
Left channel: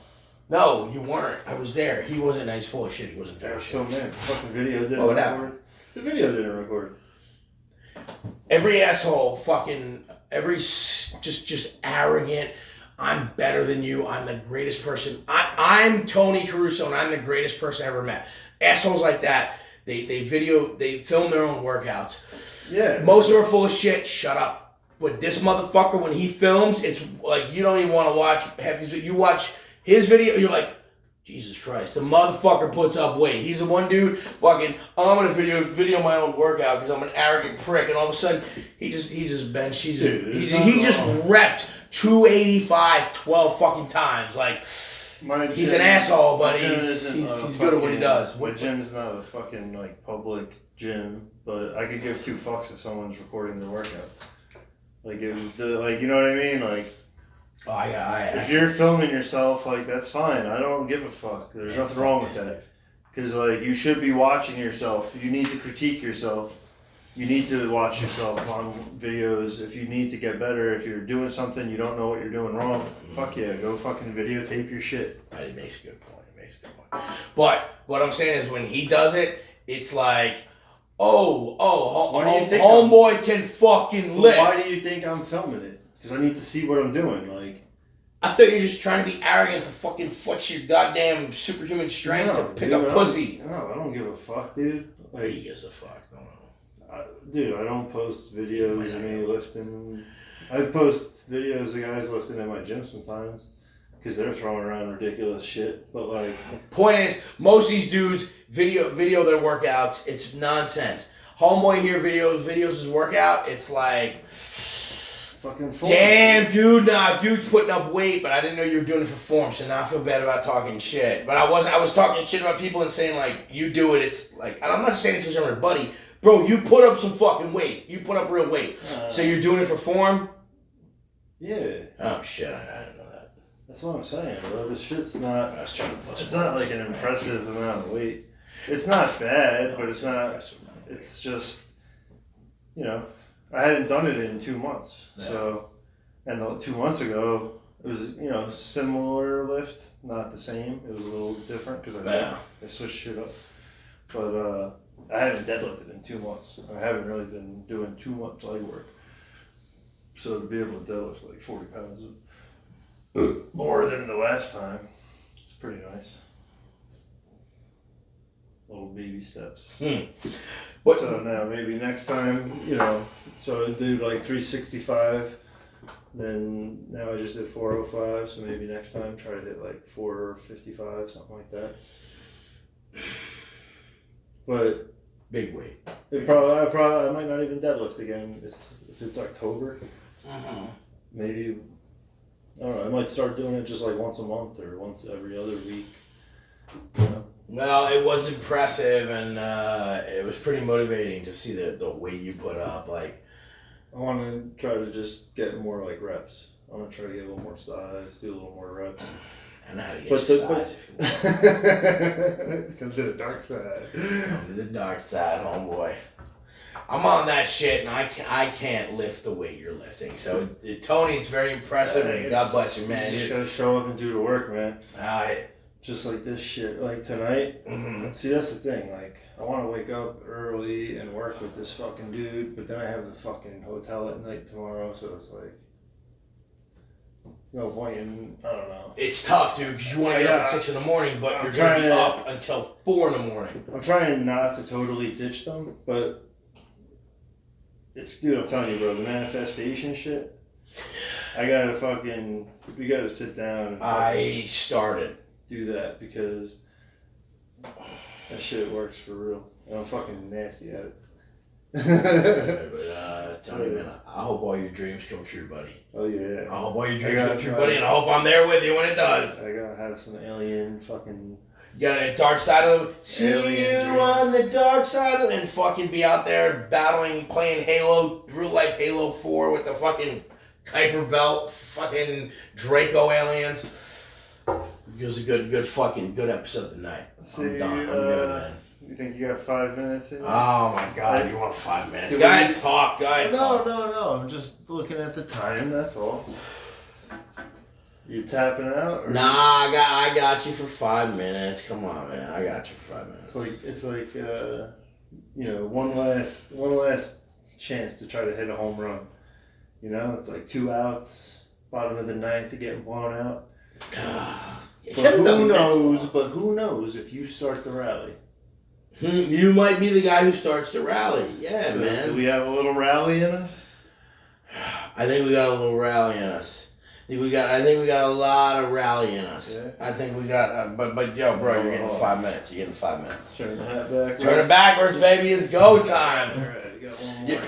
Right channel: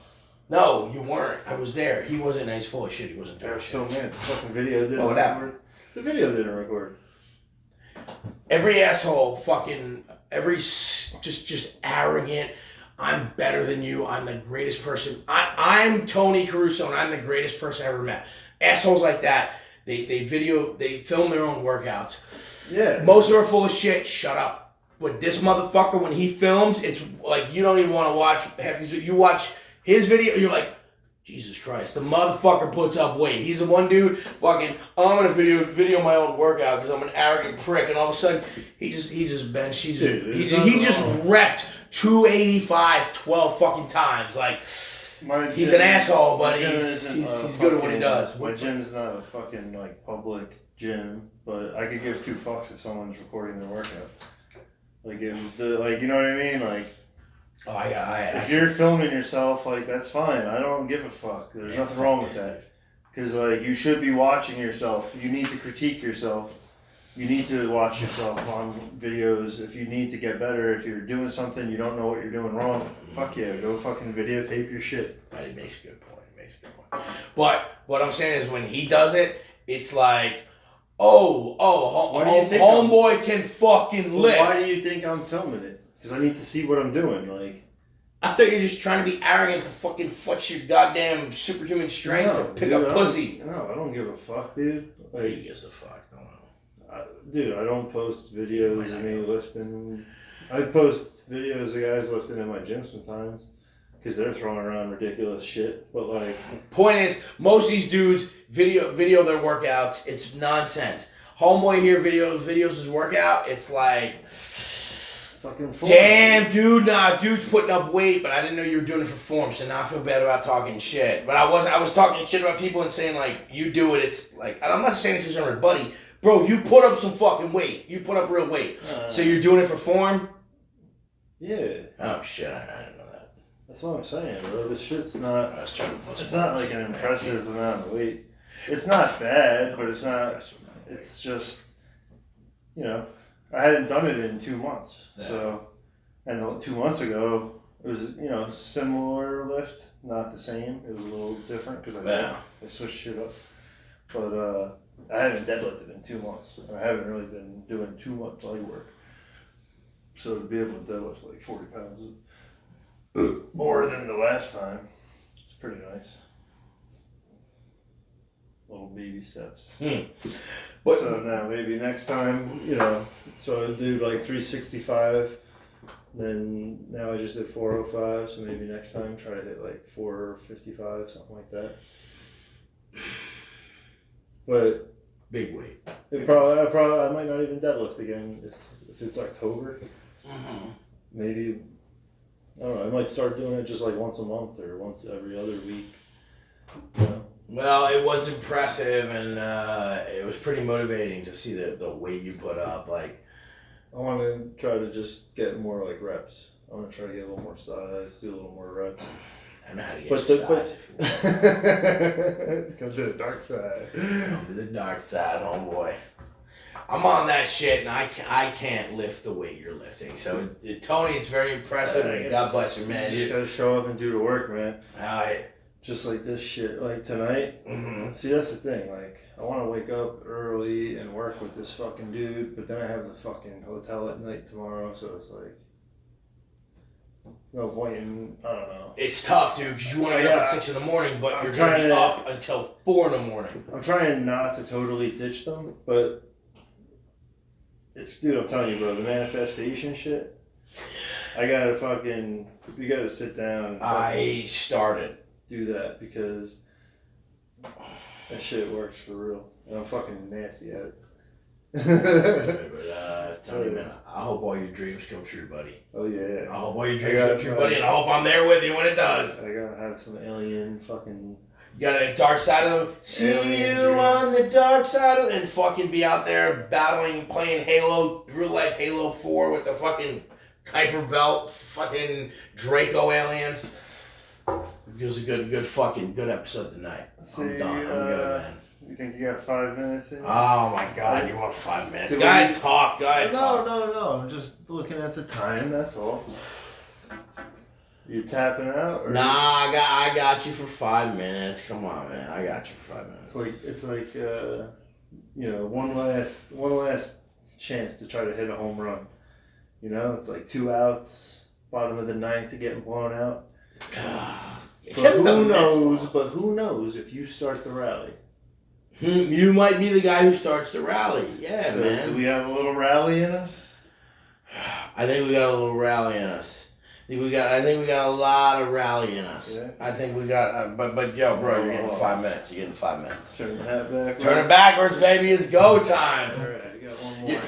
No, you weren't. I was there. He wasn't nice, full of shit. He wasn't doing shit. So man, fucking video didn't record. The video didn't record. Every asshole, just arrogant. I'm better than you. I'm the greatest person. I'm Tony Caruso, and I'm the greatest person I ever met. Assholes like that, they film their own workouts. Yeah. Most of them are full of shit. Shut up. But this motherfucker, when he films, it's like you don't even want to watch. You watch his video, you're like, Jesus Christ, the motherfucker puts up weight. He's the one dude, fucking, I'm gonna video my own workout because I'm an arrogant prick, and all of a sudden he just benched. He just repped 285 12 fucking times. Like, he's an asshole, but he's good at what he does. My gym is not a fucking like public gym, but I could give two fucks if someone's recording their workout. Like, you know what I mean? Like, if you're filming yourself, like, that's fine. I don't give a fuck. There's nothing wrong with that. Because, like, you should be watching yourself. You need to critique yourself. You need to watch yourself on videos. If you need to get better, if you're doing something you don't know what you're doing wrong, fuck yeah, go fucking videotape your shit. He makes a good point. But what I'm saying is when he does it, it's like, homeboy can fucking lift. Why do you think I'm filming it? Because I need to see what I'm doing. Like, I thought you were just trying to be arrogant to fucking flex your goddamn superhuman strength to pick up pussy. No, I don't give a fuck, dude. Like, he gives a fuck. Don't know. Dude, I don't post videos of me lifting. I post videos of guys lifting in my gym sometimes because they're throwing around ridiculous shit. But like, point is, most of these dudes video their workouts. It's nonsense. Homeboy here videos his workout. It's like, fucking form. Damn, dude, dude's putting up weight, but I didn't know you were doing it for form, so now I feel bad about talking shit. But I was talking shit about people and saying, like, you do it, it's like, and I'm not saying it because I'm your buddy. Bro, you put up some fucking weight. You put up real weight. So you're doing it for form? Yeah. Oh, shit, I didn't know that. That's what I'm saying, bro. This shit's not, it's not like an impressive amount of weight. It's not bad, but it's not, it's just, you know, I hadn't done it in 2 months. Yeah. So, and 2 months ago, it was, you know, similar lift, not the same. It was a little different because I switched shit up. But I haven't deadlifted in 2 months. I haven't really been doing too much leg work. So to be able to deadlift like 40 pounds more than the last time, it's pretty nice. Little baby steps. So now maybe next time, you know, so I do like 365, then now I just did 405, so maybe next time try to hit like 455, something like that. But big weight. I might not even deadlift again if it's October. Maybe, I don't know, I might start doing it just like once a month or once every other week, you know? Well, it was impressive and it was pretty motivating to see the weight you put up. Like, I want to try to just get more like reps. I want to try to get a little more size, do a little more reps. I know how to get your size if you want. Come to the dark side. Come to the dark side, homeboy. I'm on that shit, and I can't lift the weight you're lifting. So, Tony, it's very impressive, and God bless you, man. You just gotta show up and do the work, man. Alright. Just like this shit, like tonight. See, that's the thing. Like, I want to wake up early and work with this fucking dude, but then I have the fucking hotel at night tomorrow, so it's like, no point in, I don't know. It's tough, dude, because you want to get up at 6 in the morning, but you're going to be up until 4 in the morning. I'm trying not to totally ditch them, but dude, I'm telling you, bro, the manifestation shit, we gotta sit down and I started. Do that because that shit works for real. And I'm fucking nasty at it. Tony, man, I hope all your dreams come true, buddy. Oh yeah. I hope all your dreams come true, buddy, and I hope I'm there with you when it does. I gotta have some alien fucking. You got a dark side of them. See you on the dark side of them, and fucking be out there battling, playing Halo, real life Halo 4 with the fucking Kuiper belt, fucking Draco aliens. It was a good episode tonight. I'm done. I'm good, man. You think you got 5 minutes in? Oh my God, you want 5 minutes? Go ahead, talk. No. I'm just looking at the time. That's all. You tapping out? Or nah, I got you for 5 minutes. Come on, man. I got you for 5 minutes. It's like you know, one last chance to try to hit a home run. You know, it's like 2 outs, bottom of the ninth to getting blown out. But who knows if you start the rally? You might be the guy who starts the rally. Yeah, so man. Do we have a little rally in us? I think we got a little rally in us. I think we got a lot of rally in us. Yeah. I think we got, but yo, bro, you're getting 5 minutes. You're getting 5 minutes. Turn the hat backwards. Turn it backwards, baby. It's go time. All right, you got one more.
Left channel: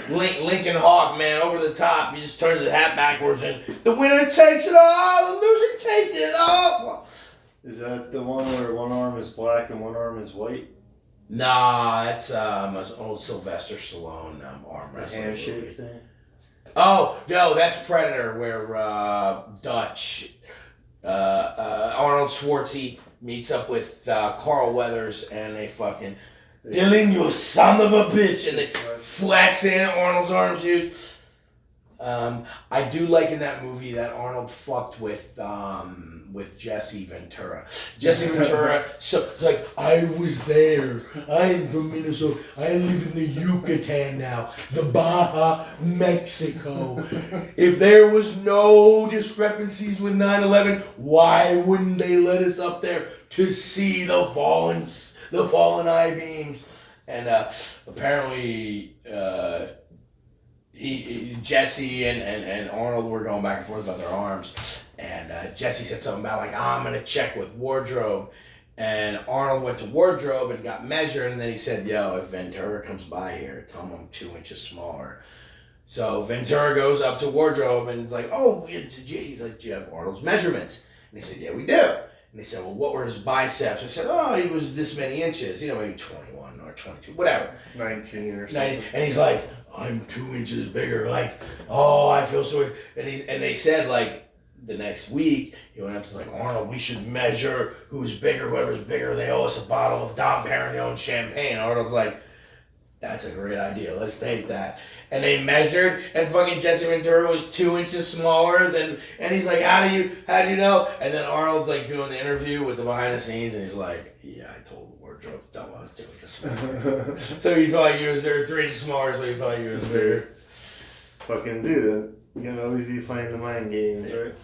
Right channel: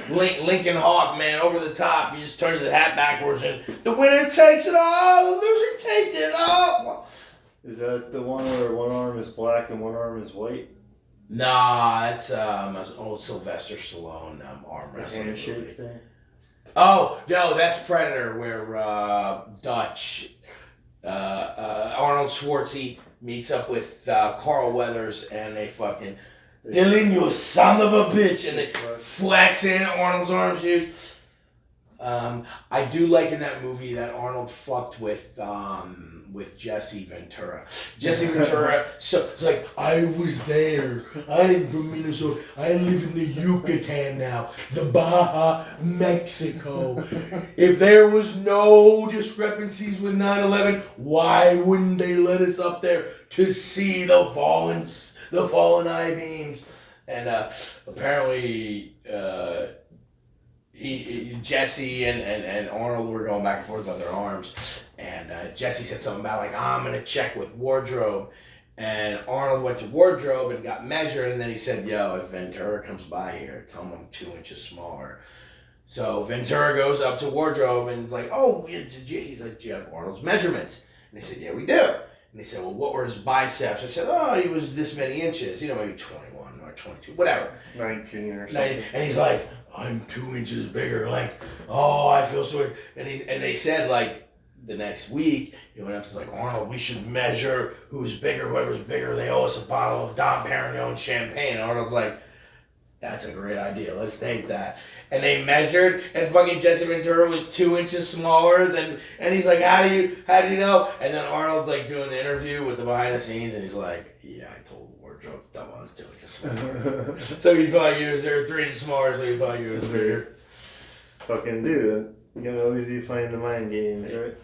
Lincoln Hawk, man, over the top. He just turns his hat backwards, and the winner takes it all. The loser takes it all. Is that the one where one arm is black and one arm is white? Nah, that's an old Sylvester Stallone arm wrestling handshake thing. Oh no, that's Predator, where Dutch Arnold Schwarzenegger meets up with Carl Weathers, and they fucking Dylan, you son of a bitch. And they flex in Arnold's arms, dude. I do like in that movie that Arnold fucked with Jesse Ventura. Jesse Ventura, so it's like, I was there. I'm from Minnesota. I live in the Yucatan now. The Baja, Mexico. If there was no discrepancies with 9/11, why wouldn't they let us up there to see the fallen I-beams? And apparently Jesse and Arnold were going back and forth about their arms, and Jesse said something about like, I'm gonna check with wardrobe, and Arnold went to wardrobe and got measured, and then he said, yo, if Ventura comes by here, tell him I'm 2 inches smaller. So Ventura goes up to wardrobe and is like, oh, he's like, do you have Arnold's measurements? And they said, yeah, we do. And they said, well, what were his biceps? I said, oh, he was this many inches, maybe 21 or 22, whatever. 19 or something. And he's like, I'm 2 inches bigger. Like, oh, I feel so. And they said, like, the next week, he went up to like, Arnold, we should measure who's bigger. Whoever's bigger, they owe us a bottle of Dom Perignon champagne. Arnold's like, that's a great idea. Let's take that. And they measured, and fucking Jesse Ventura was 2 inches smaller than. And he's like, how do you know? And then Arnold's like doing the interview with the behind the scenes, and he's like, yeah, I told the wardrobe to tell him I was 2 inches smaller. So he thought he was bigger, 3 inches smaller, so he thought he was bigger. Fucking dude, you can always be playing the mind games, right?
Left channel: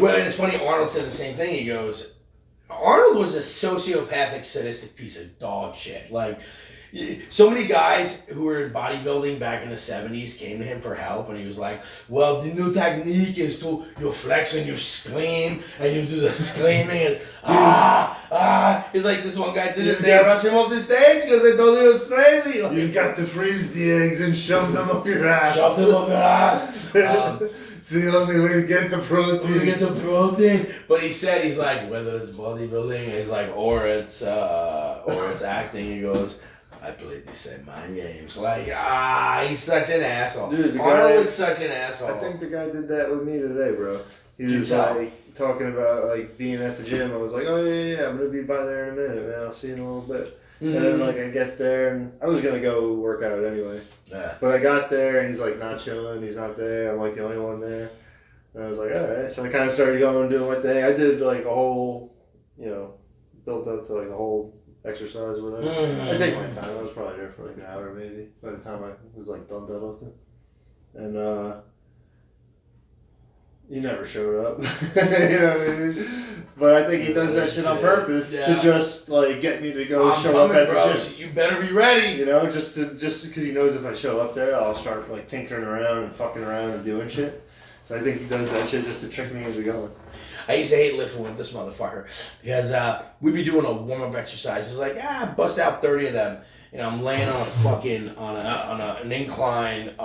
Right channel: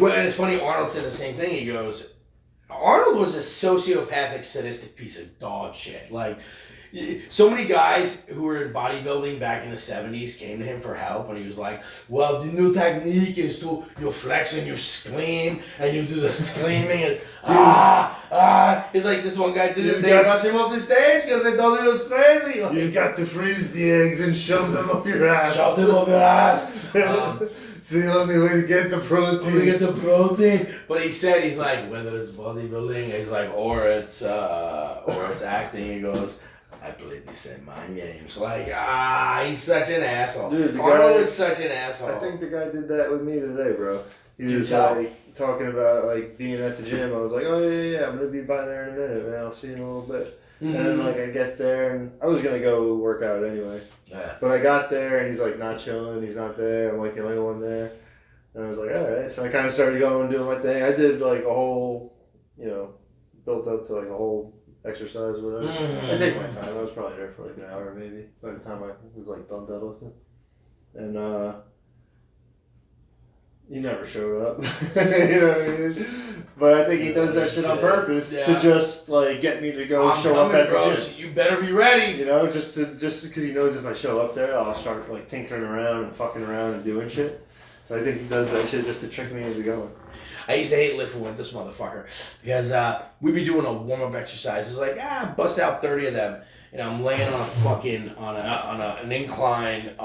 Well, and it's funny. Arnold said the same thing. He goes, Arnold was a sociopathic, sadistic piece of dog shit. Like. So many guys who were in bodybuilding back in the 70s came to him for help, and he was like, well, the new technique is you flex and you scream, and you do the screaming, and He's like, this one guy did it, they rushed him off the stage because they thought it was crazy. Like, you've got to freeze the eggs and shove them up your ass. Shove them up your ass. It's the only way to get the protein. But he said, he's like, whether it's bodybuilding, he's like, or it's acting, he goes, I played these same mind games. Like, he's such an asshole. Dude, Arnold was such an asshole. I think the guy did that with me today, bro. He was like talking about like being at the gym. I was like, oh yeah, I'm gonna be by there in a minute, man. I'll see you in a little bit. Mm-hmm. And then like I get there, and I was gonna go work out anyway. Yeah. But I got there, and he's like not chilling. He's not there. I'm like the only one there. And I was like, all right. So I kind of started going and doing my thing. I did like a whole, built up to like a whole exercise or whatever. Mm-hmm. I take my time. I was probably there for like an hour maybe by the time I was like done deadlifting. And he never showed up. You know what I mean? But I think he does that shit on purpose to just like get me to go show up at the gym. You better be ready. Just because he knows if I show up there, I'll start like tinkering around and fucking around and doing shit. So I think he does that shit just to trick me into going. I used to hate lifting with this motherfucker because we'd be doing a warm-up exercise. It's like, bust out 30 of them. And I'm laying on a fucking, an incline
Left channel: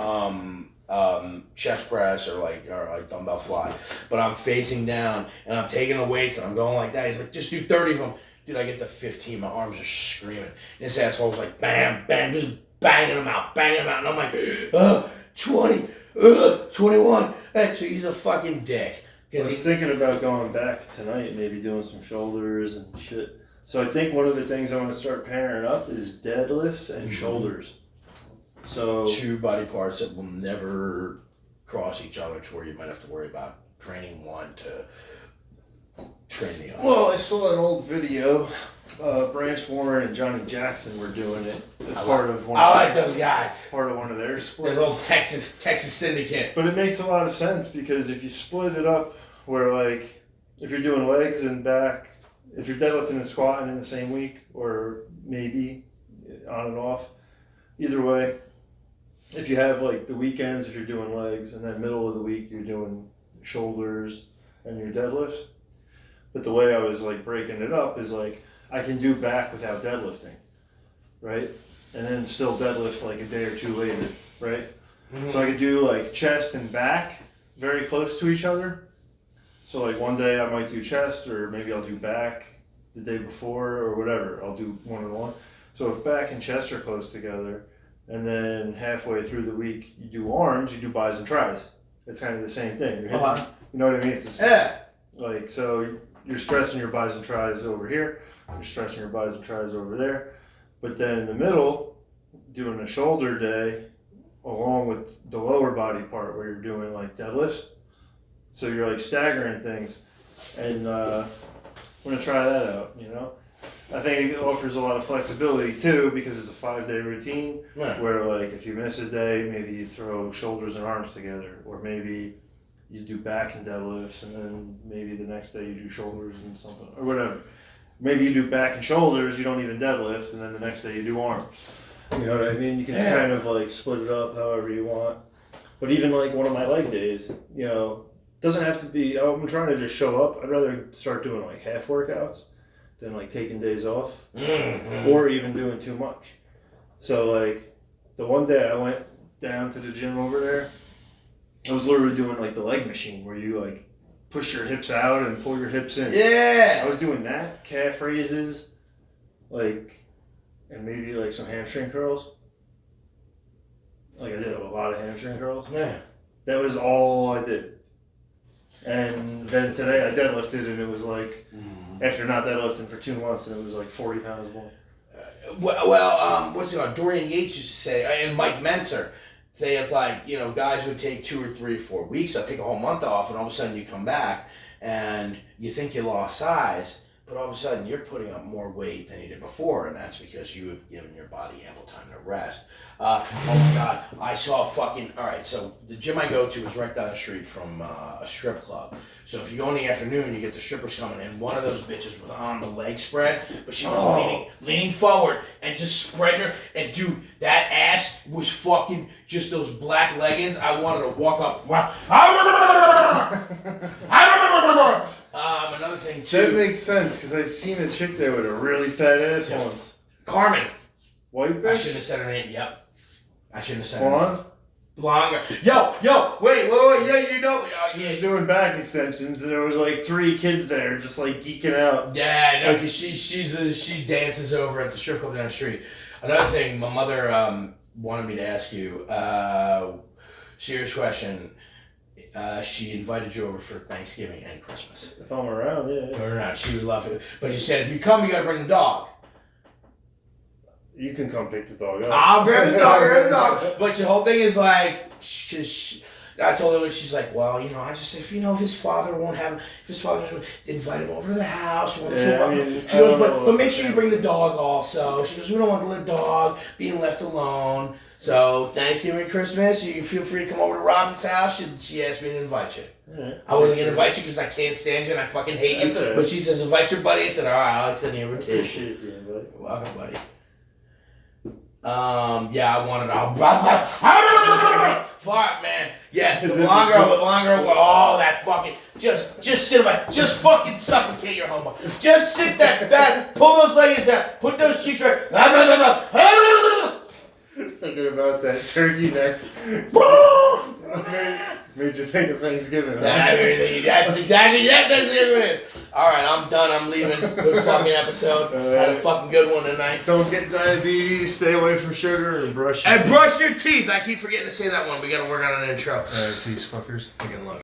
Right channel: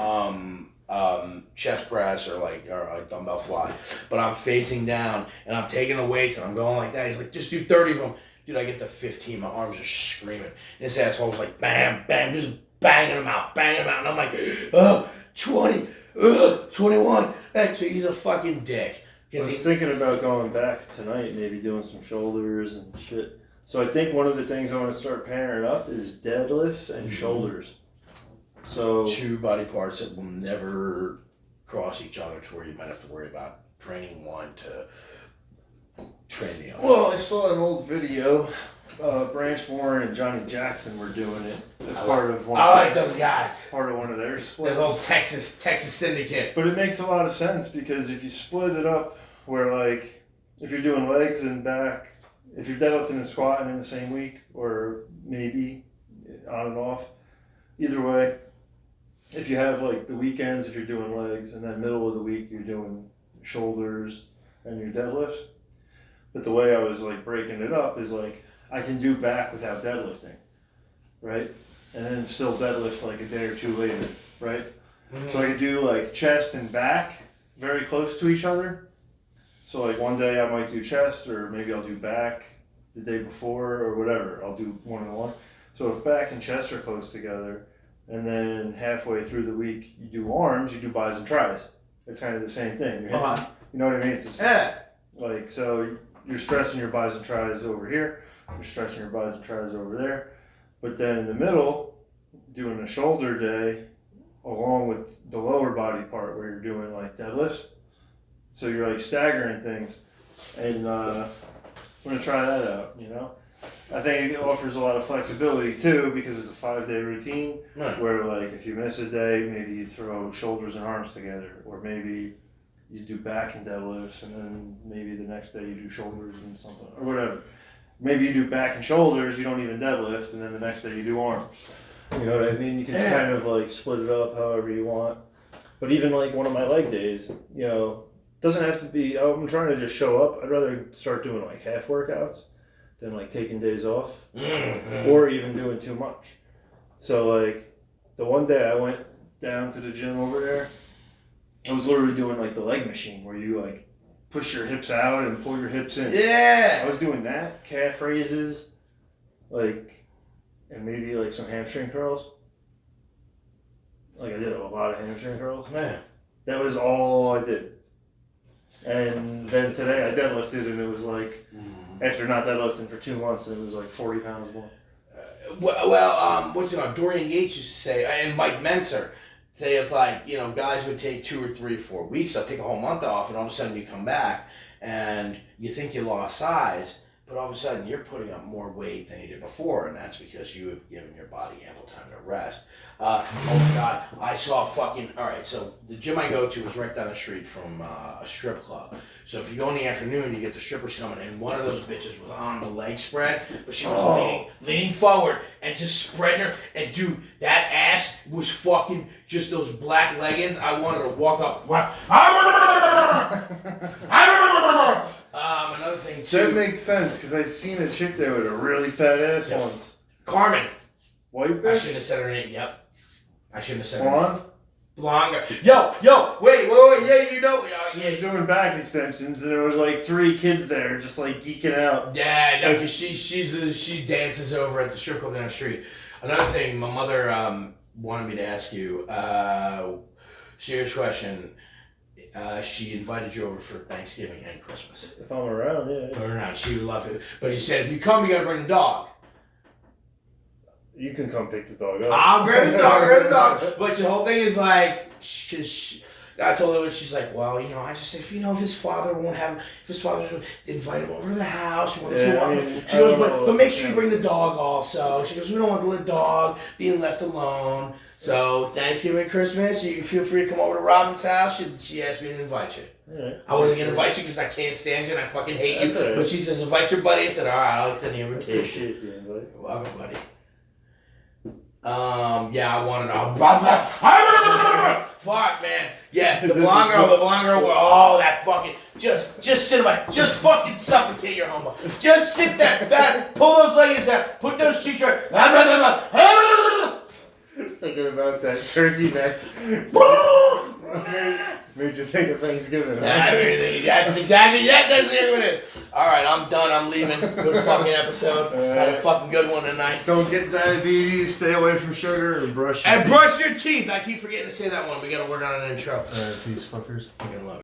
chest press or dumbbell fly. But I'm facing down and I'm taking the weights and I'm going like that. He's like, just do 30 of them. Dude, I get to 15. My arms are screaming. This asshole's like, bam, bam, just banging them out. And I'm like, 20, 21. He's a fucking dick. I was thinking about going back tonight, maybe doing some shoulders and shit. So I think one of the things I want to start pairing up is deadlifts and shoulders. So two body parts that will never cross each other to where you might have to worry about training one to train the other. Well, I saw an old video. Branch Warren and Johnny Jackson were doing it as part of one. I like those guys. Part of one of their splits. Those old Texas syndicate. But it makes a lot of sense because if you split it up, where like if you're doing legs and back, if you're deadlifting and squatting in the same week, or maybe on and off, either way, if you have like the weekends, if you're doing legs, and then middle of the week you're doing shoulders and your deadlifts. But the way I was like breaking it up is like I can do back without deadlifting, right? And then still deadlift like a day or two later, right? Mm-hmm. So I could do like chest and back very close to each other. So like one day I might do chest, or maybe I'll do back the day before, or whatever. I'll do one and one. So if back and chest are close together, and then halfway through the week you do arms, you do bis and tris. It's kind of the same thing. You know what I mean? It's just, like, so you're stressing your bis and tris over here. You're stressing your bis and tris over there. But then in the middle, doing a shoulder day along with the lower body part where you're doing like deadlifts. So you're like staggering things. And I'm going to try that out, you know? I think it offers a lot of flexibility too because it's a 5-day routine where like if you miss a day, maybe you throw shoulders and arms together, or maybe you do back and deadlifts and then maybe the next day you do shoulders and something or whatever. Maybe you do back and shoulders, you don't even deadlift, and then the next day you do arms. You know what I mean? You can kind of like split it up however you want. But even like one of my leg days, you know, doesn't have to be, I'm trying to just show up. I'd rather start doing like half workouts than like taking days off or even doing too much. So like the one day I went down to the gym over there, I was literally doing like the leg machine where you like push your hips out and pull your hips in. Yeah. I was doing that, calf raises, like, and maybe like some hamstring curls. Like I did a lot of hamstring curls. Man. That was all I did. And then today I deadlifted and it was like, after not deadlifting for 2 months, and it was like 40 pounds more. What's it called? Dorian Yates used to say, and Mike Menser, say it's like, you know, guys would take 2 or 3 or 4 weeks. I'd take a whole month off, and all of a sudden you come back, and you think you lost size, but all of a sudden you're putting up more weight than you did before, and that's because you have given your body ample time to rest. Oh my God, I saw fucking, all right, so the gym I go to is right down the street from a strip club. So if you go in the afternoon, you get the strippers coming in. One of those bitches was on the leg spread, but she was leaning forward and just spreading her. And dude, that ass was fucking just those black leggings. I wanted to walk up. Another thing too. That makes sense, because I seen a chick there with a really fat ass once. Carmen. White bitch? I shouldn't have said her name. Yep. I shouldn't have said her Blonde? name. Blonde. Yo, wait, yeah, you know. She was doing back extensions, and there was like 3 kids there just like geeking out. Yeah, no, because she dances over at the strip club down the street. Another thing, my mother wanted me to ask you, serious question. She invited you over for Thanksgiving and Christmas. If I'm around, yeah. Or not, she would love it. But she said, if you come, you gotta bring the dog. You can come pick the dog up. I'll grab the dog, But the whole thing is like, I told her, she's like, well, you know, I just said, if his father won't have, if his father would invite him over to the house. She goes, but make sure you bring the dog also. She goes, we don't want the dog being left alone. So Thanksgiving, Christmas, you feel free to come over to Robin's house. She asked me to invite you. Yeah. I wasn't going to invite you because I can't stand you and I fucking hate you. Right. But she says, invite your buddy. I said, all right, I'll extend the invitation. Appreciate the invite. You're welcome, buddy. Yeah, I wanted fuck, man. Yeah, the blonde girl, oh, that fucking, just sit by, just fucking suffocate your homo. Just sit that, pull those legs out, put those cheeks right, thinking about that turkey neck. Made you think of Thanksgiving. That's exactly that. That's it is. All right, I'm done. I'm leaving. Good fucking episode. Had a fucking good one tonight. Don't get diabetes. Stay away from sugar and brush your teeth. Brush your teeth. I keep forgetting to say that one. We got to work on an intro. Peace, fuckers. Fucking love.